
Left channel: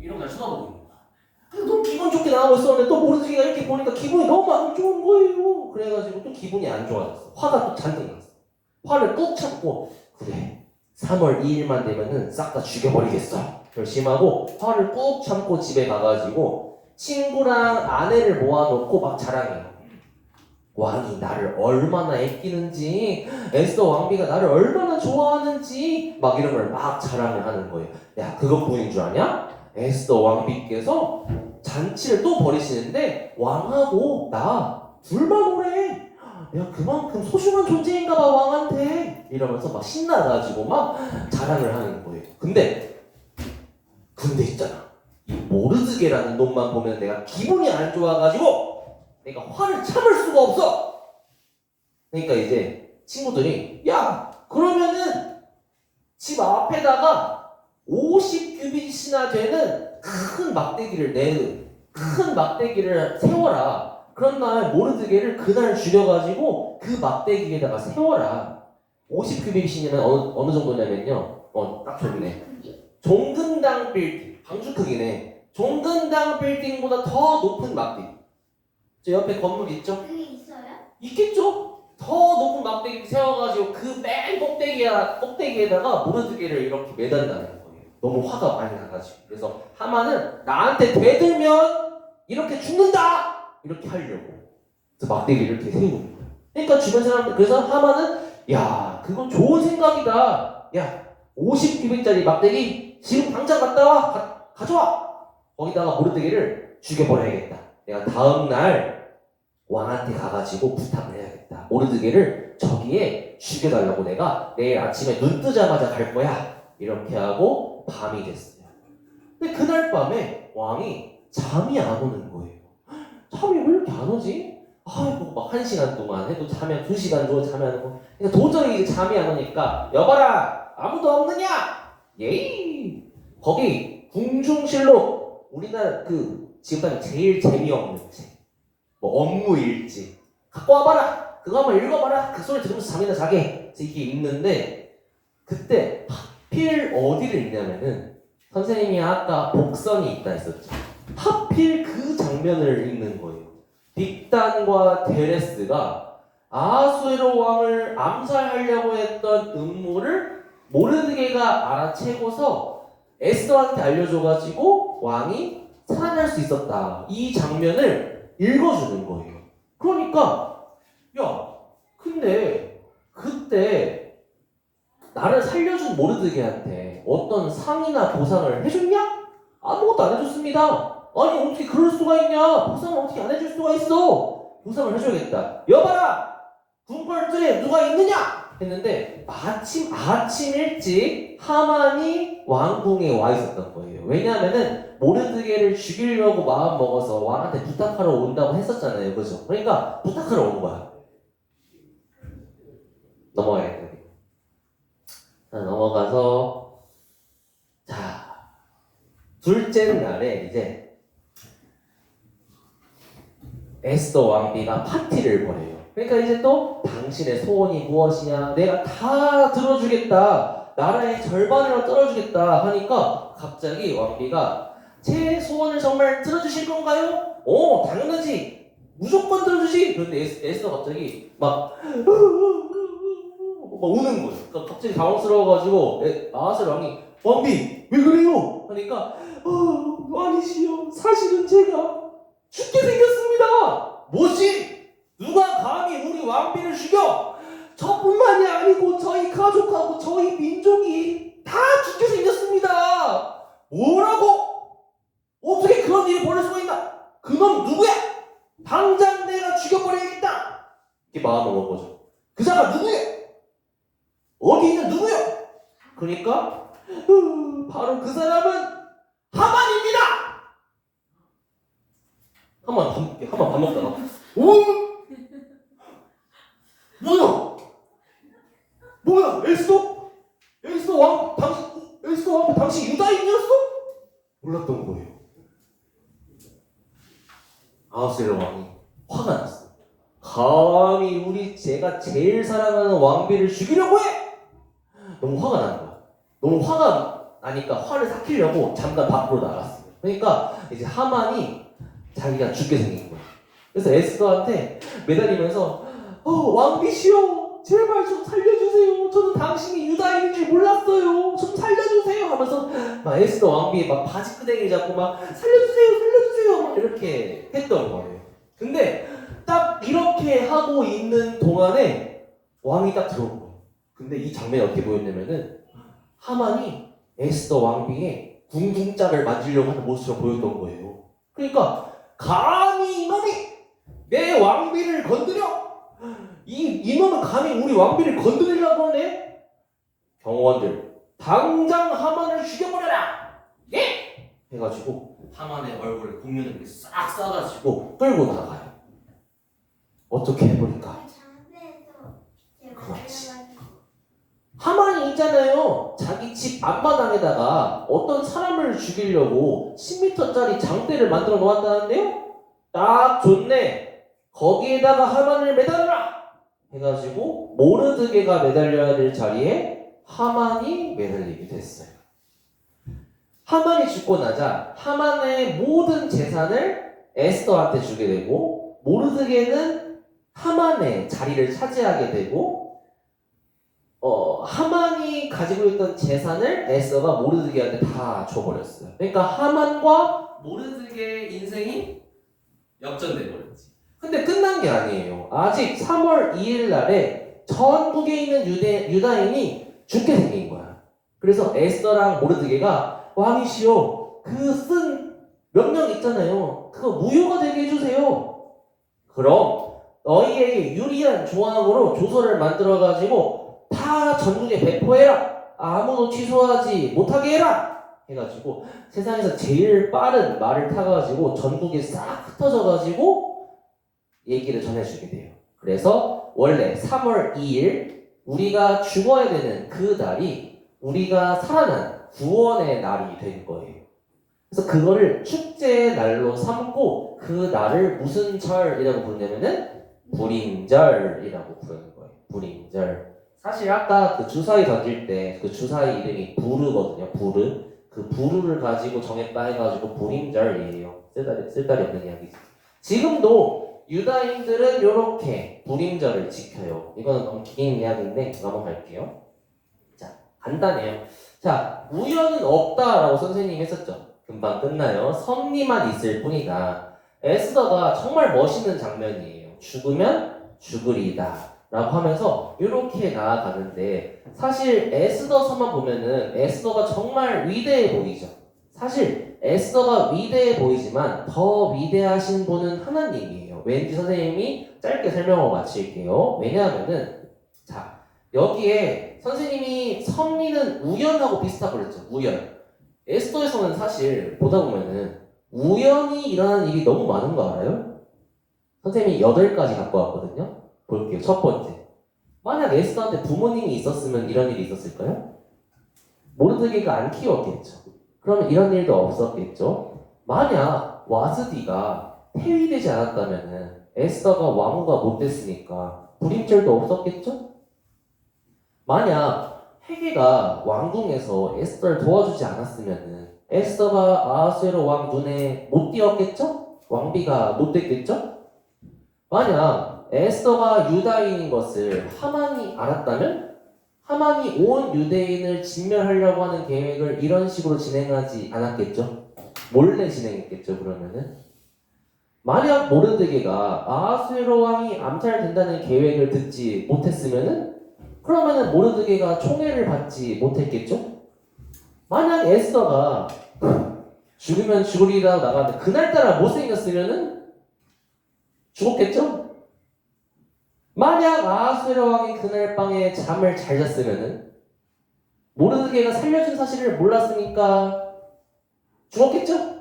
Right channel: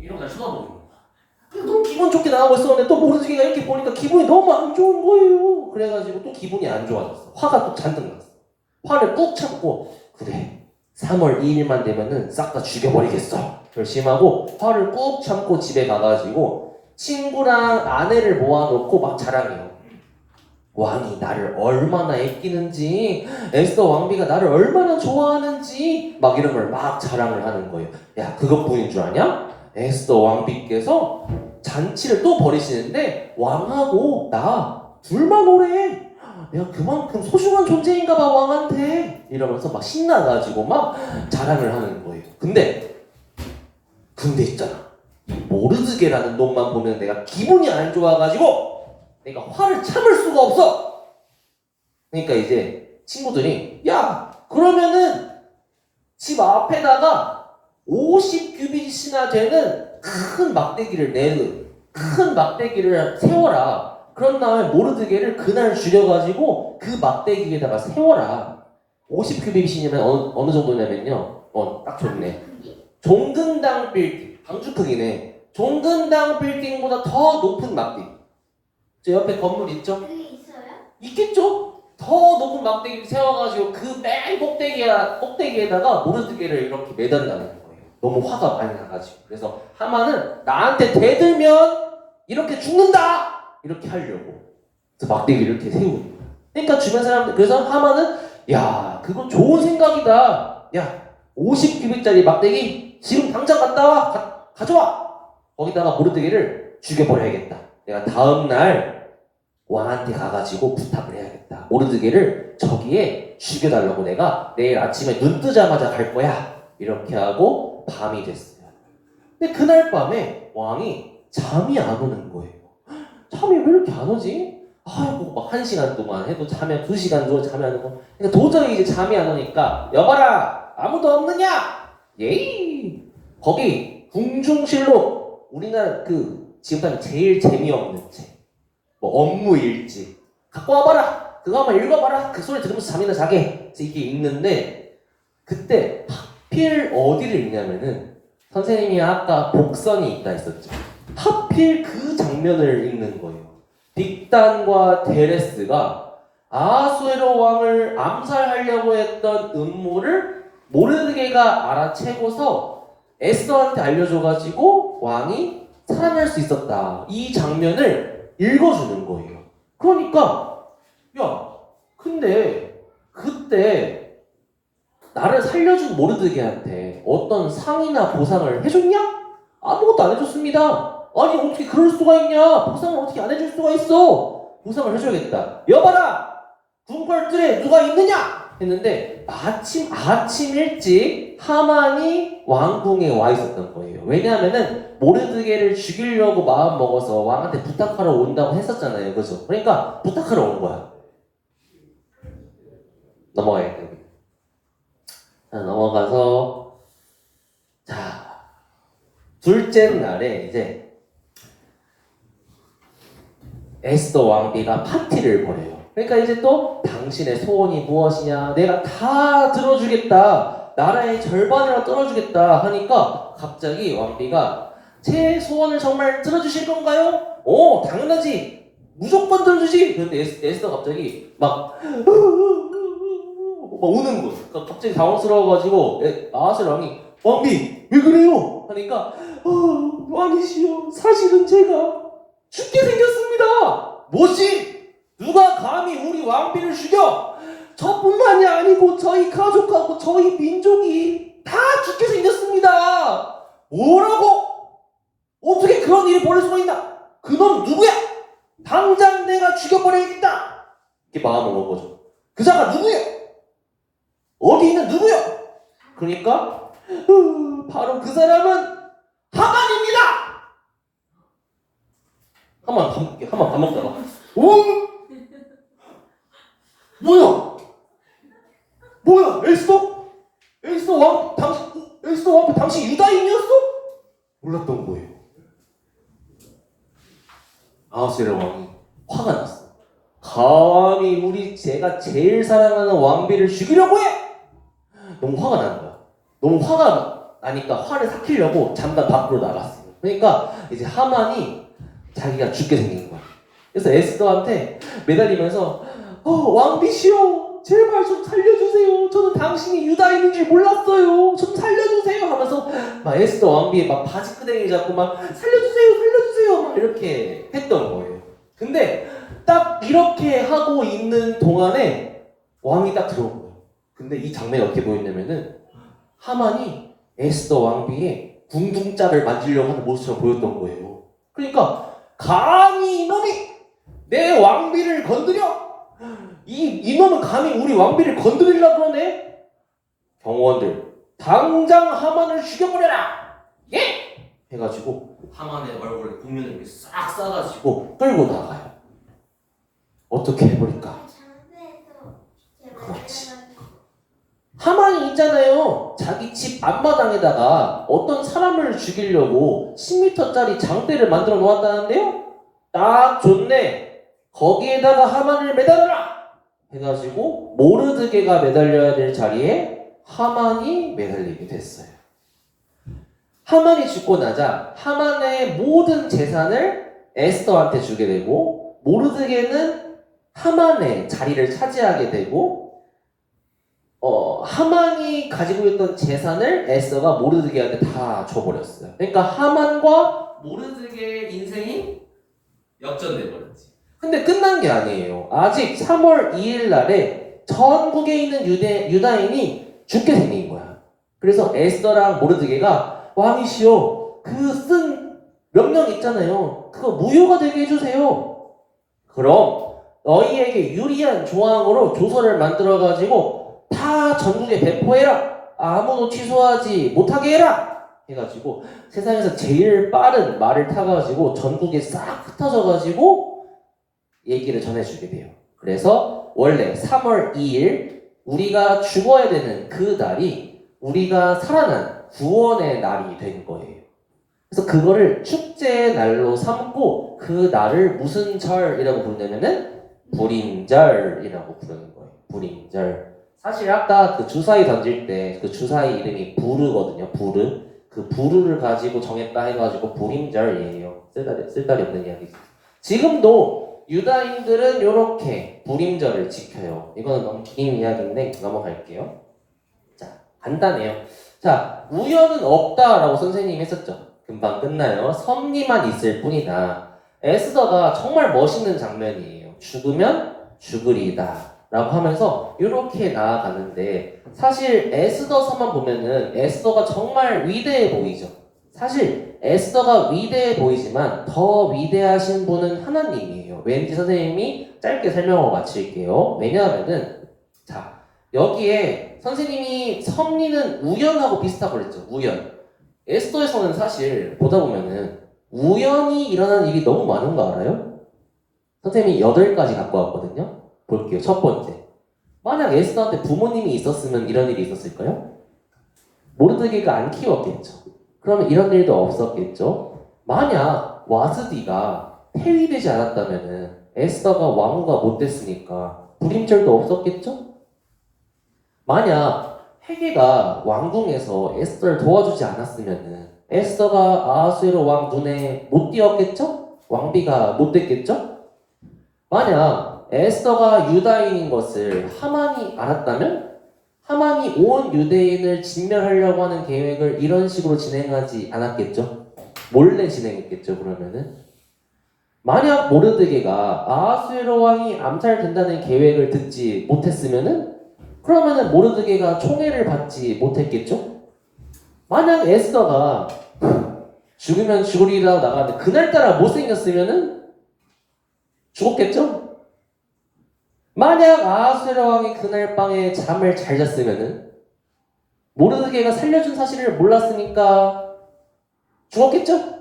이러고 날 쳐다보는 거야. 너무 기분 좋게 나오고 있었는데 또 모르드게가 이렇게 보니까 기분이 너무 안 좋은 거예요. 그래가지고 또 기분이 안 좋아졌어. 화가 또 잔뜩 났어. 화를 꾹 참고 그래 3월 2일만 되면은 싹 다 죽여버리겠어. 결심하고 화를 꾹 참고 집에 가가지고 친구랑 아내를 모아놓고 막 자랑해요. 왕이 나를 얼마나 아끼는지, 에스더 왕비가 나를 얼마나 좋아하는지 막 이런 걸 막 자랑을 하는 거예요. 야 그것뿐인 줄 아냐? 에스더 왕비께서 잔치를 또 벌이시는데 왕하고 나 둘만 오래. 내가 그만큼 소중한 존재인가 봐 왕한테. 이러면서 막 신나가지고 막 자랑을 하는 거예요. 근데 있잖아. 이 모르드게라는 놈만 보면 내가 기분이 안 좋아가지고 내가 화를 참을 수가 없어. 그러니까 이제 친구들이 야 그러면은 집 앞에다가 50규빗이나 되는 큰 막대기를 세워라. 그런 다음에 모르드게를 그날 죽여가지고 그 막대기에다가 세워라. 50규빗이면 어느 정도냐면요. 딱 좋네. 종근당 빌딩, 방주 크기네. 종근당 빌딩보다 더 높은 막대기. 저 옆에 건물 있죠? 그게 있어요? 있겠죠? 더 높은 막대기 세워가지고 그 맨 꼭대기에다가 모르드게를 이렇게 매달라는 거예요. 너무 화가 많이 나가지고. 그래서 하만은 나한테 대들면 이렇게 죽는다! 이렇게 하려고. 그래서 막대기를 이렇게 세우는 거예요. 그러니까 주변 사람들, 그래서 하만은 야, 그건 좋은 생각이다. 야, 50규빗짜리 막대기 지금 당장 갔다 와! 가져와! 거기다가 모르드게를 죽여버려야겠다. 내가 다음날 왕한테 가가지고 부탁을 해야겠다. 모르드게를 저기에 죽여달라고 내가 내일 아침에 눈 뜨자마자 갈 거야. 이렇게 하고 밤이 됐어요. 근데 그날 밤에 왕이 잠이 안 오는 거예요. 잠이 왜 이렇게 안 오지? 아이고 막 1시간 동안 해도 자면 2시간 동안 잠이 안 오고 그러니까 도저히 이제 잠이 안 오니까 여봐라 아무도 없느냐? 예이 거기 궁중실록 우리나라 그 지금까지 제일 재미없는 책, 뭐 업무일지 갖고 와봐라. 그거 한번 읽어봐라. 그 소리 들으면서 잠이나 자게. 이게 읽는데 그때 하필 어디를 읽냐면은 선생님이 아까 복선이 있다 했었죠. 하필 그 장면을 읽는 거예요. 빅단과 데레스가 아수에로 왕을 암살하려고 했던 음모를 모르드게가 알아채고서 에스더한테 알려줘가지고 왕이 살아날 수 있었다. 이 장면을 읽어주는 거예요. 그러니까 야, 근데 그때 나를 살려준 모르드게한테 어떤 상이나 보상을 해줬냐? 아무것도 안 해줬습니다. 아니 어떻게 그럴 수가 있냐? 보상을 어떻게 안 해줄 수가 있어? 보상을 해줘야겠다. 여봐라! 궁궐들에 누가 있느냐? 했는데 마침 아침 일찍 하만이 왕궁에 와 있었던 거예요. 왜냐하면은 모르드게를 죽이려고 마음 먹어서 왕한테 부탁하러 온다고 했었잖아요. 그죠? 그러니까 부탁하러 온 거야. 넘어가야겠다. 자, 넘어가서 자 둘째 날에 이제 에스더 왕비가 파티를 벌여요. 그러니까 이제 또 당신의 소원이 무엇이냐? 내가 다 들어주겠다. 나라의 절반이나 떨어주겠다 하니까 갑자기 왕비가 제 소원을 정말 들어주실 건가요? 오, 당연하지. 무조건 들어주지. 그런데 에스더 갑자기 막 우는 거예요. 그러니까 갑자기 당황스러워가지고 아하스 왕이 왕비 왜 그래요? 하니까 왕이시여 사실은 제가 죽게 생겼습니다. 뭐지? 누가 감히 우리 왕비를 죽여? 저뿐만이 아니고 저희 가족하고 저희 민족이 다 죽게 생겼습니다. 뭐라고? 어떻게 그런 일이 벌어질 수가 있나? 그놈 누구야? 당장 내가 죽여버려야겠다. 이렇게 마음을 먹은 거죠. 그 자가 누구야? 어디 있는 누구야? 그러니까 바로 그 사람은 하만입니다. 하만 밥 먹다가 뭐야 에스더 왕 당신 유다인이었어? 몰랐던 거예요. 아하스웨로 왕이 화가 났어. 감히 제가 제일 사랑하는 왕비를 죽이려고 해? 너무 화가 나는 거야. 너무 화가 나니까 화를 삭히려고 잠깐 밖으로 나갔어. 그러니까 이제 하만이 자기가 죽게 생긴 거야. 그래서 에스더한테 매달리면서 왕비시여 제발 좀 살려주세요. 저는 당신이 유다인인 줄 몰랐어요. 좀 살려주세요 하면서 막 에스더 왕비의 막 바지끄댕이 잡고 막 살려주세요 막 이렇게 했던 거예요. 근데 딱 이렇게 하고 있는 동안에 왕이 딱 들어온 거예요. 근데 이 장면이 어떻게 보였냐면은 하만이 에스더 왕비의 궁둥자를 만지려고 하는 모습처럼 보였던 거예요. 그러니까 감히 이놈이 내 왕비를 건드려? 이놈은 감히 우리 왕비를 건드리려고 그러네? 경호원들 당장 하만을 죽여버려라! 예! 해가지고 하만의 얼굴에 국면을 이렇게 싹 싸가지고 끌고 나가요. 어떻게 해버릴까? 그렇지. 하만이 있잖아요. 자기 집 앞마당에다가 어떤 사람을 죽이려고 10m짜리 장대를 만들어 놓았다는데요? 딱 좋네. 거기에다가 하만을 매달아라! 해가지고 모르드게가 매달려야 될 자리에 하만이 매달리게 됐어요. 하만이 죽고 나자 하만의 모든 재산을 에스더한테 주게 되고 모르드게는 하만의 자리를 차지하게 되고 하만이 가지고 있던 재산을 에스더가 모르드게한테 다 줘버렸어요. 그러니까 하만과 모르드게의 인생이 역전돼 버렸지. 근데 끝난 게 아니에요. 아직 3월 2일 날에 전국에 있는 유다인이 죽게 생긴 거야. 그래서 에스더랑 모르드게가 왕이시여 그 쓴 명령 있잖아요. 그거 무효가 되게 해주세요. 그럼 너희에게 유리한 조항으로 조서를 만들어가지고 다 전국에 배포해라. 아무도 취소하지 못하게 해라. 해가지고 세상에서 제일 빠른 말을 타가지고 전국에 싹 흩어져가지고 얘기를 전해주게 돼요. 그래서 원래 3월 2일 우리가 죽어야 되는 그 날이 우리가 살아난 구원의 날이 된 거예요. 그래서 그거를 축제의 날로 삼고 그 날을 무슨 절이라고 부르냐면은 불임절이라고 부르는 거예요. 불임절. 사실 아까 그 주사위 던질 때 그 주사위 이름이 부르거든요. 부르. 그 부르를 가지고 정했다 해가지고 불임절이에요. 쓸데리 없는 이야기죠. 지금도 유다인들은 이렇게 불임절을 지켜요. 이거는 너무 긴 이야기인데 넘어갈게요. 자, 간단해요. 자, 우연은 없다라고 선생님이 했었죠. 금방 끝나요. 섭리만 있을 뿐이다. 에스더가 정말 멋있는 장면이에요. 죽으면 죽으리다 라고 하면서 이렇게 나아가는데 사실 에스더서만 보면은 에스더가 정말 위대해 보이죠. 사실 에스더가 위대해 보이지만 더 위대하신 분은 하나님이에요. 왠지 선생님이 짧게 설명하고 마칠게요. 왜냐하면은 자 여기에 선생님이 섭리는 우연하고 비슷하고 그랬죠. 우연. 에스더에서는 사실 보다 보면은 우연히 일어나는 일이 너무 많은 거 알아요? 선생님이 8가지 갖고 왔거든요. 볼게요. 첫 번째. 만약 에스더한테 부모님이 있었으면 이런 일이 있었을까요? 모르드게가 안 키웠겠죠. 그러면 이런 일도 없었겠죠. 만약 와스디가 폐위되지 않았다면은 에스더가 왕후가 못 됐으니까 불임절도 없었겠죠? 만약 헤게가 왕궁에서 에스더를 도와주지 않았으면은 에스더가 아하수에로 왕 눈에 못 띄었겠죠? 왕비가 못 됐겠죠? 만약 에스더가 유다인인 것을 하만이 알았다면 하만이 온 유대인을 진멸하려고 하는 계획을 이런 식으로 진행하지 않았겠죠? 몰래 진행했겠죠, 그러면은? 만약 모르드게가 아하수에로 왕이 암살된다는 계획을 듣지 못했으면은 그러면은 모르드게가 총애를 받지 못했겠죠? 만약 에스더가 죽으면 죽으리라 나가는데 그날따라 못생겼으면은 죽었겠죠? 만약 아하수에로 왕이 그날 밤에 잠을 잘 잤으면은 모르드게가 살려준 사실을 몰랐으니까 죽었겠죠?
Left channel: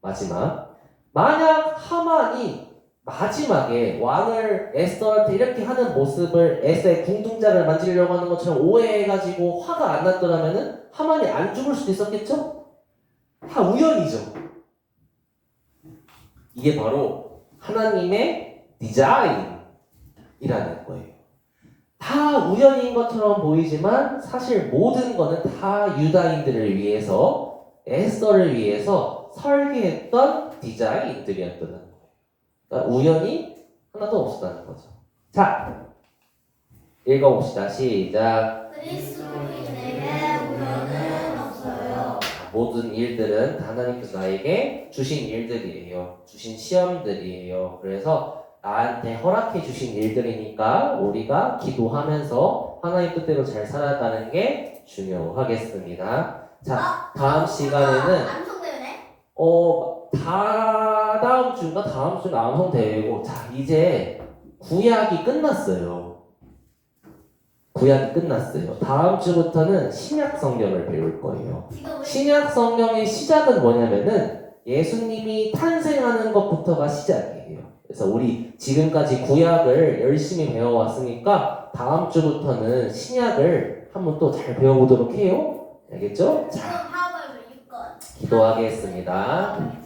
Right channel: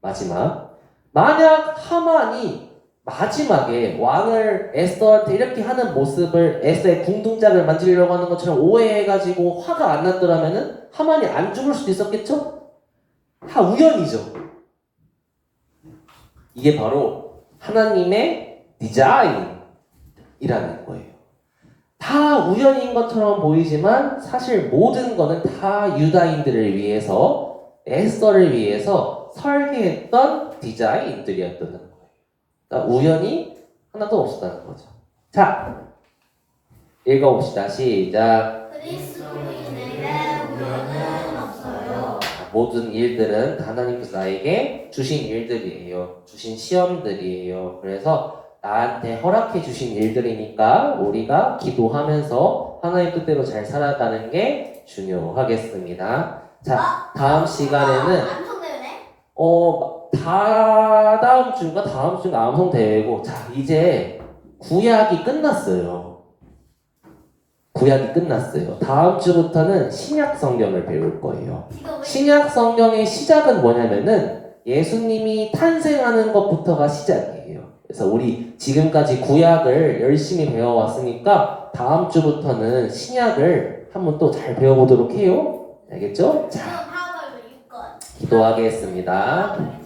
마지막 만약 하만이 마지막에 왕을 에스더한테 이렇게 하는 모습을 에스더의 궁둥짝을 만지려고 하는 것처럼 오해해가지고 화가 안 났더라면은 하만이 안 죽을 수도 있었겠죠? 다 우연이죠. 이게 바로 하나님의 디자인이라는 거예요. 다 우연인 것처럼 보이지만 사실 모든 거는 다 유다인들을 위해서 에스더를 위해서 설계했던 디자인들이었다는 거예요. 그러니까 우연이 하나도 없었다는 거죠. 자, 읽어봅시다. 시작. 그리스도인에게 우연은 없어요. 모든 일들은 하나님께서 나에게 주신 일들이에요. 주신 시험들이에요. 그래서 나한테 허락해 주신 일들이니까 우리가 기도하면서 하나님 뜻대로 잘 살아가는 게 중요하겠습니다. 자, 다음 시간에는 암송되네. 다다음 주인가 다음 주가 암송 대회고 자 이제 구약이 끝났어요. 구약이 끝났어요. 다음 주부터는 신약 성경을 배울 거예요. 신약 성경의 시작은 뭐냐면은 예수님이 탄생하는 것부터가 시작이에요. 그래서 우리 지금까지 구약을 열심히 배워왔으니까 다음 주부터는 신약을 한번 또 잘 배워보도록 해요. 알겠죠? 자, 기도하겠습니다.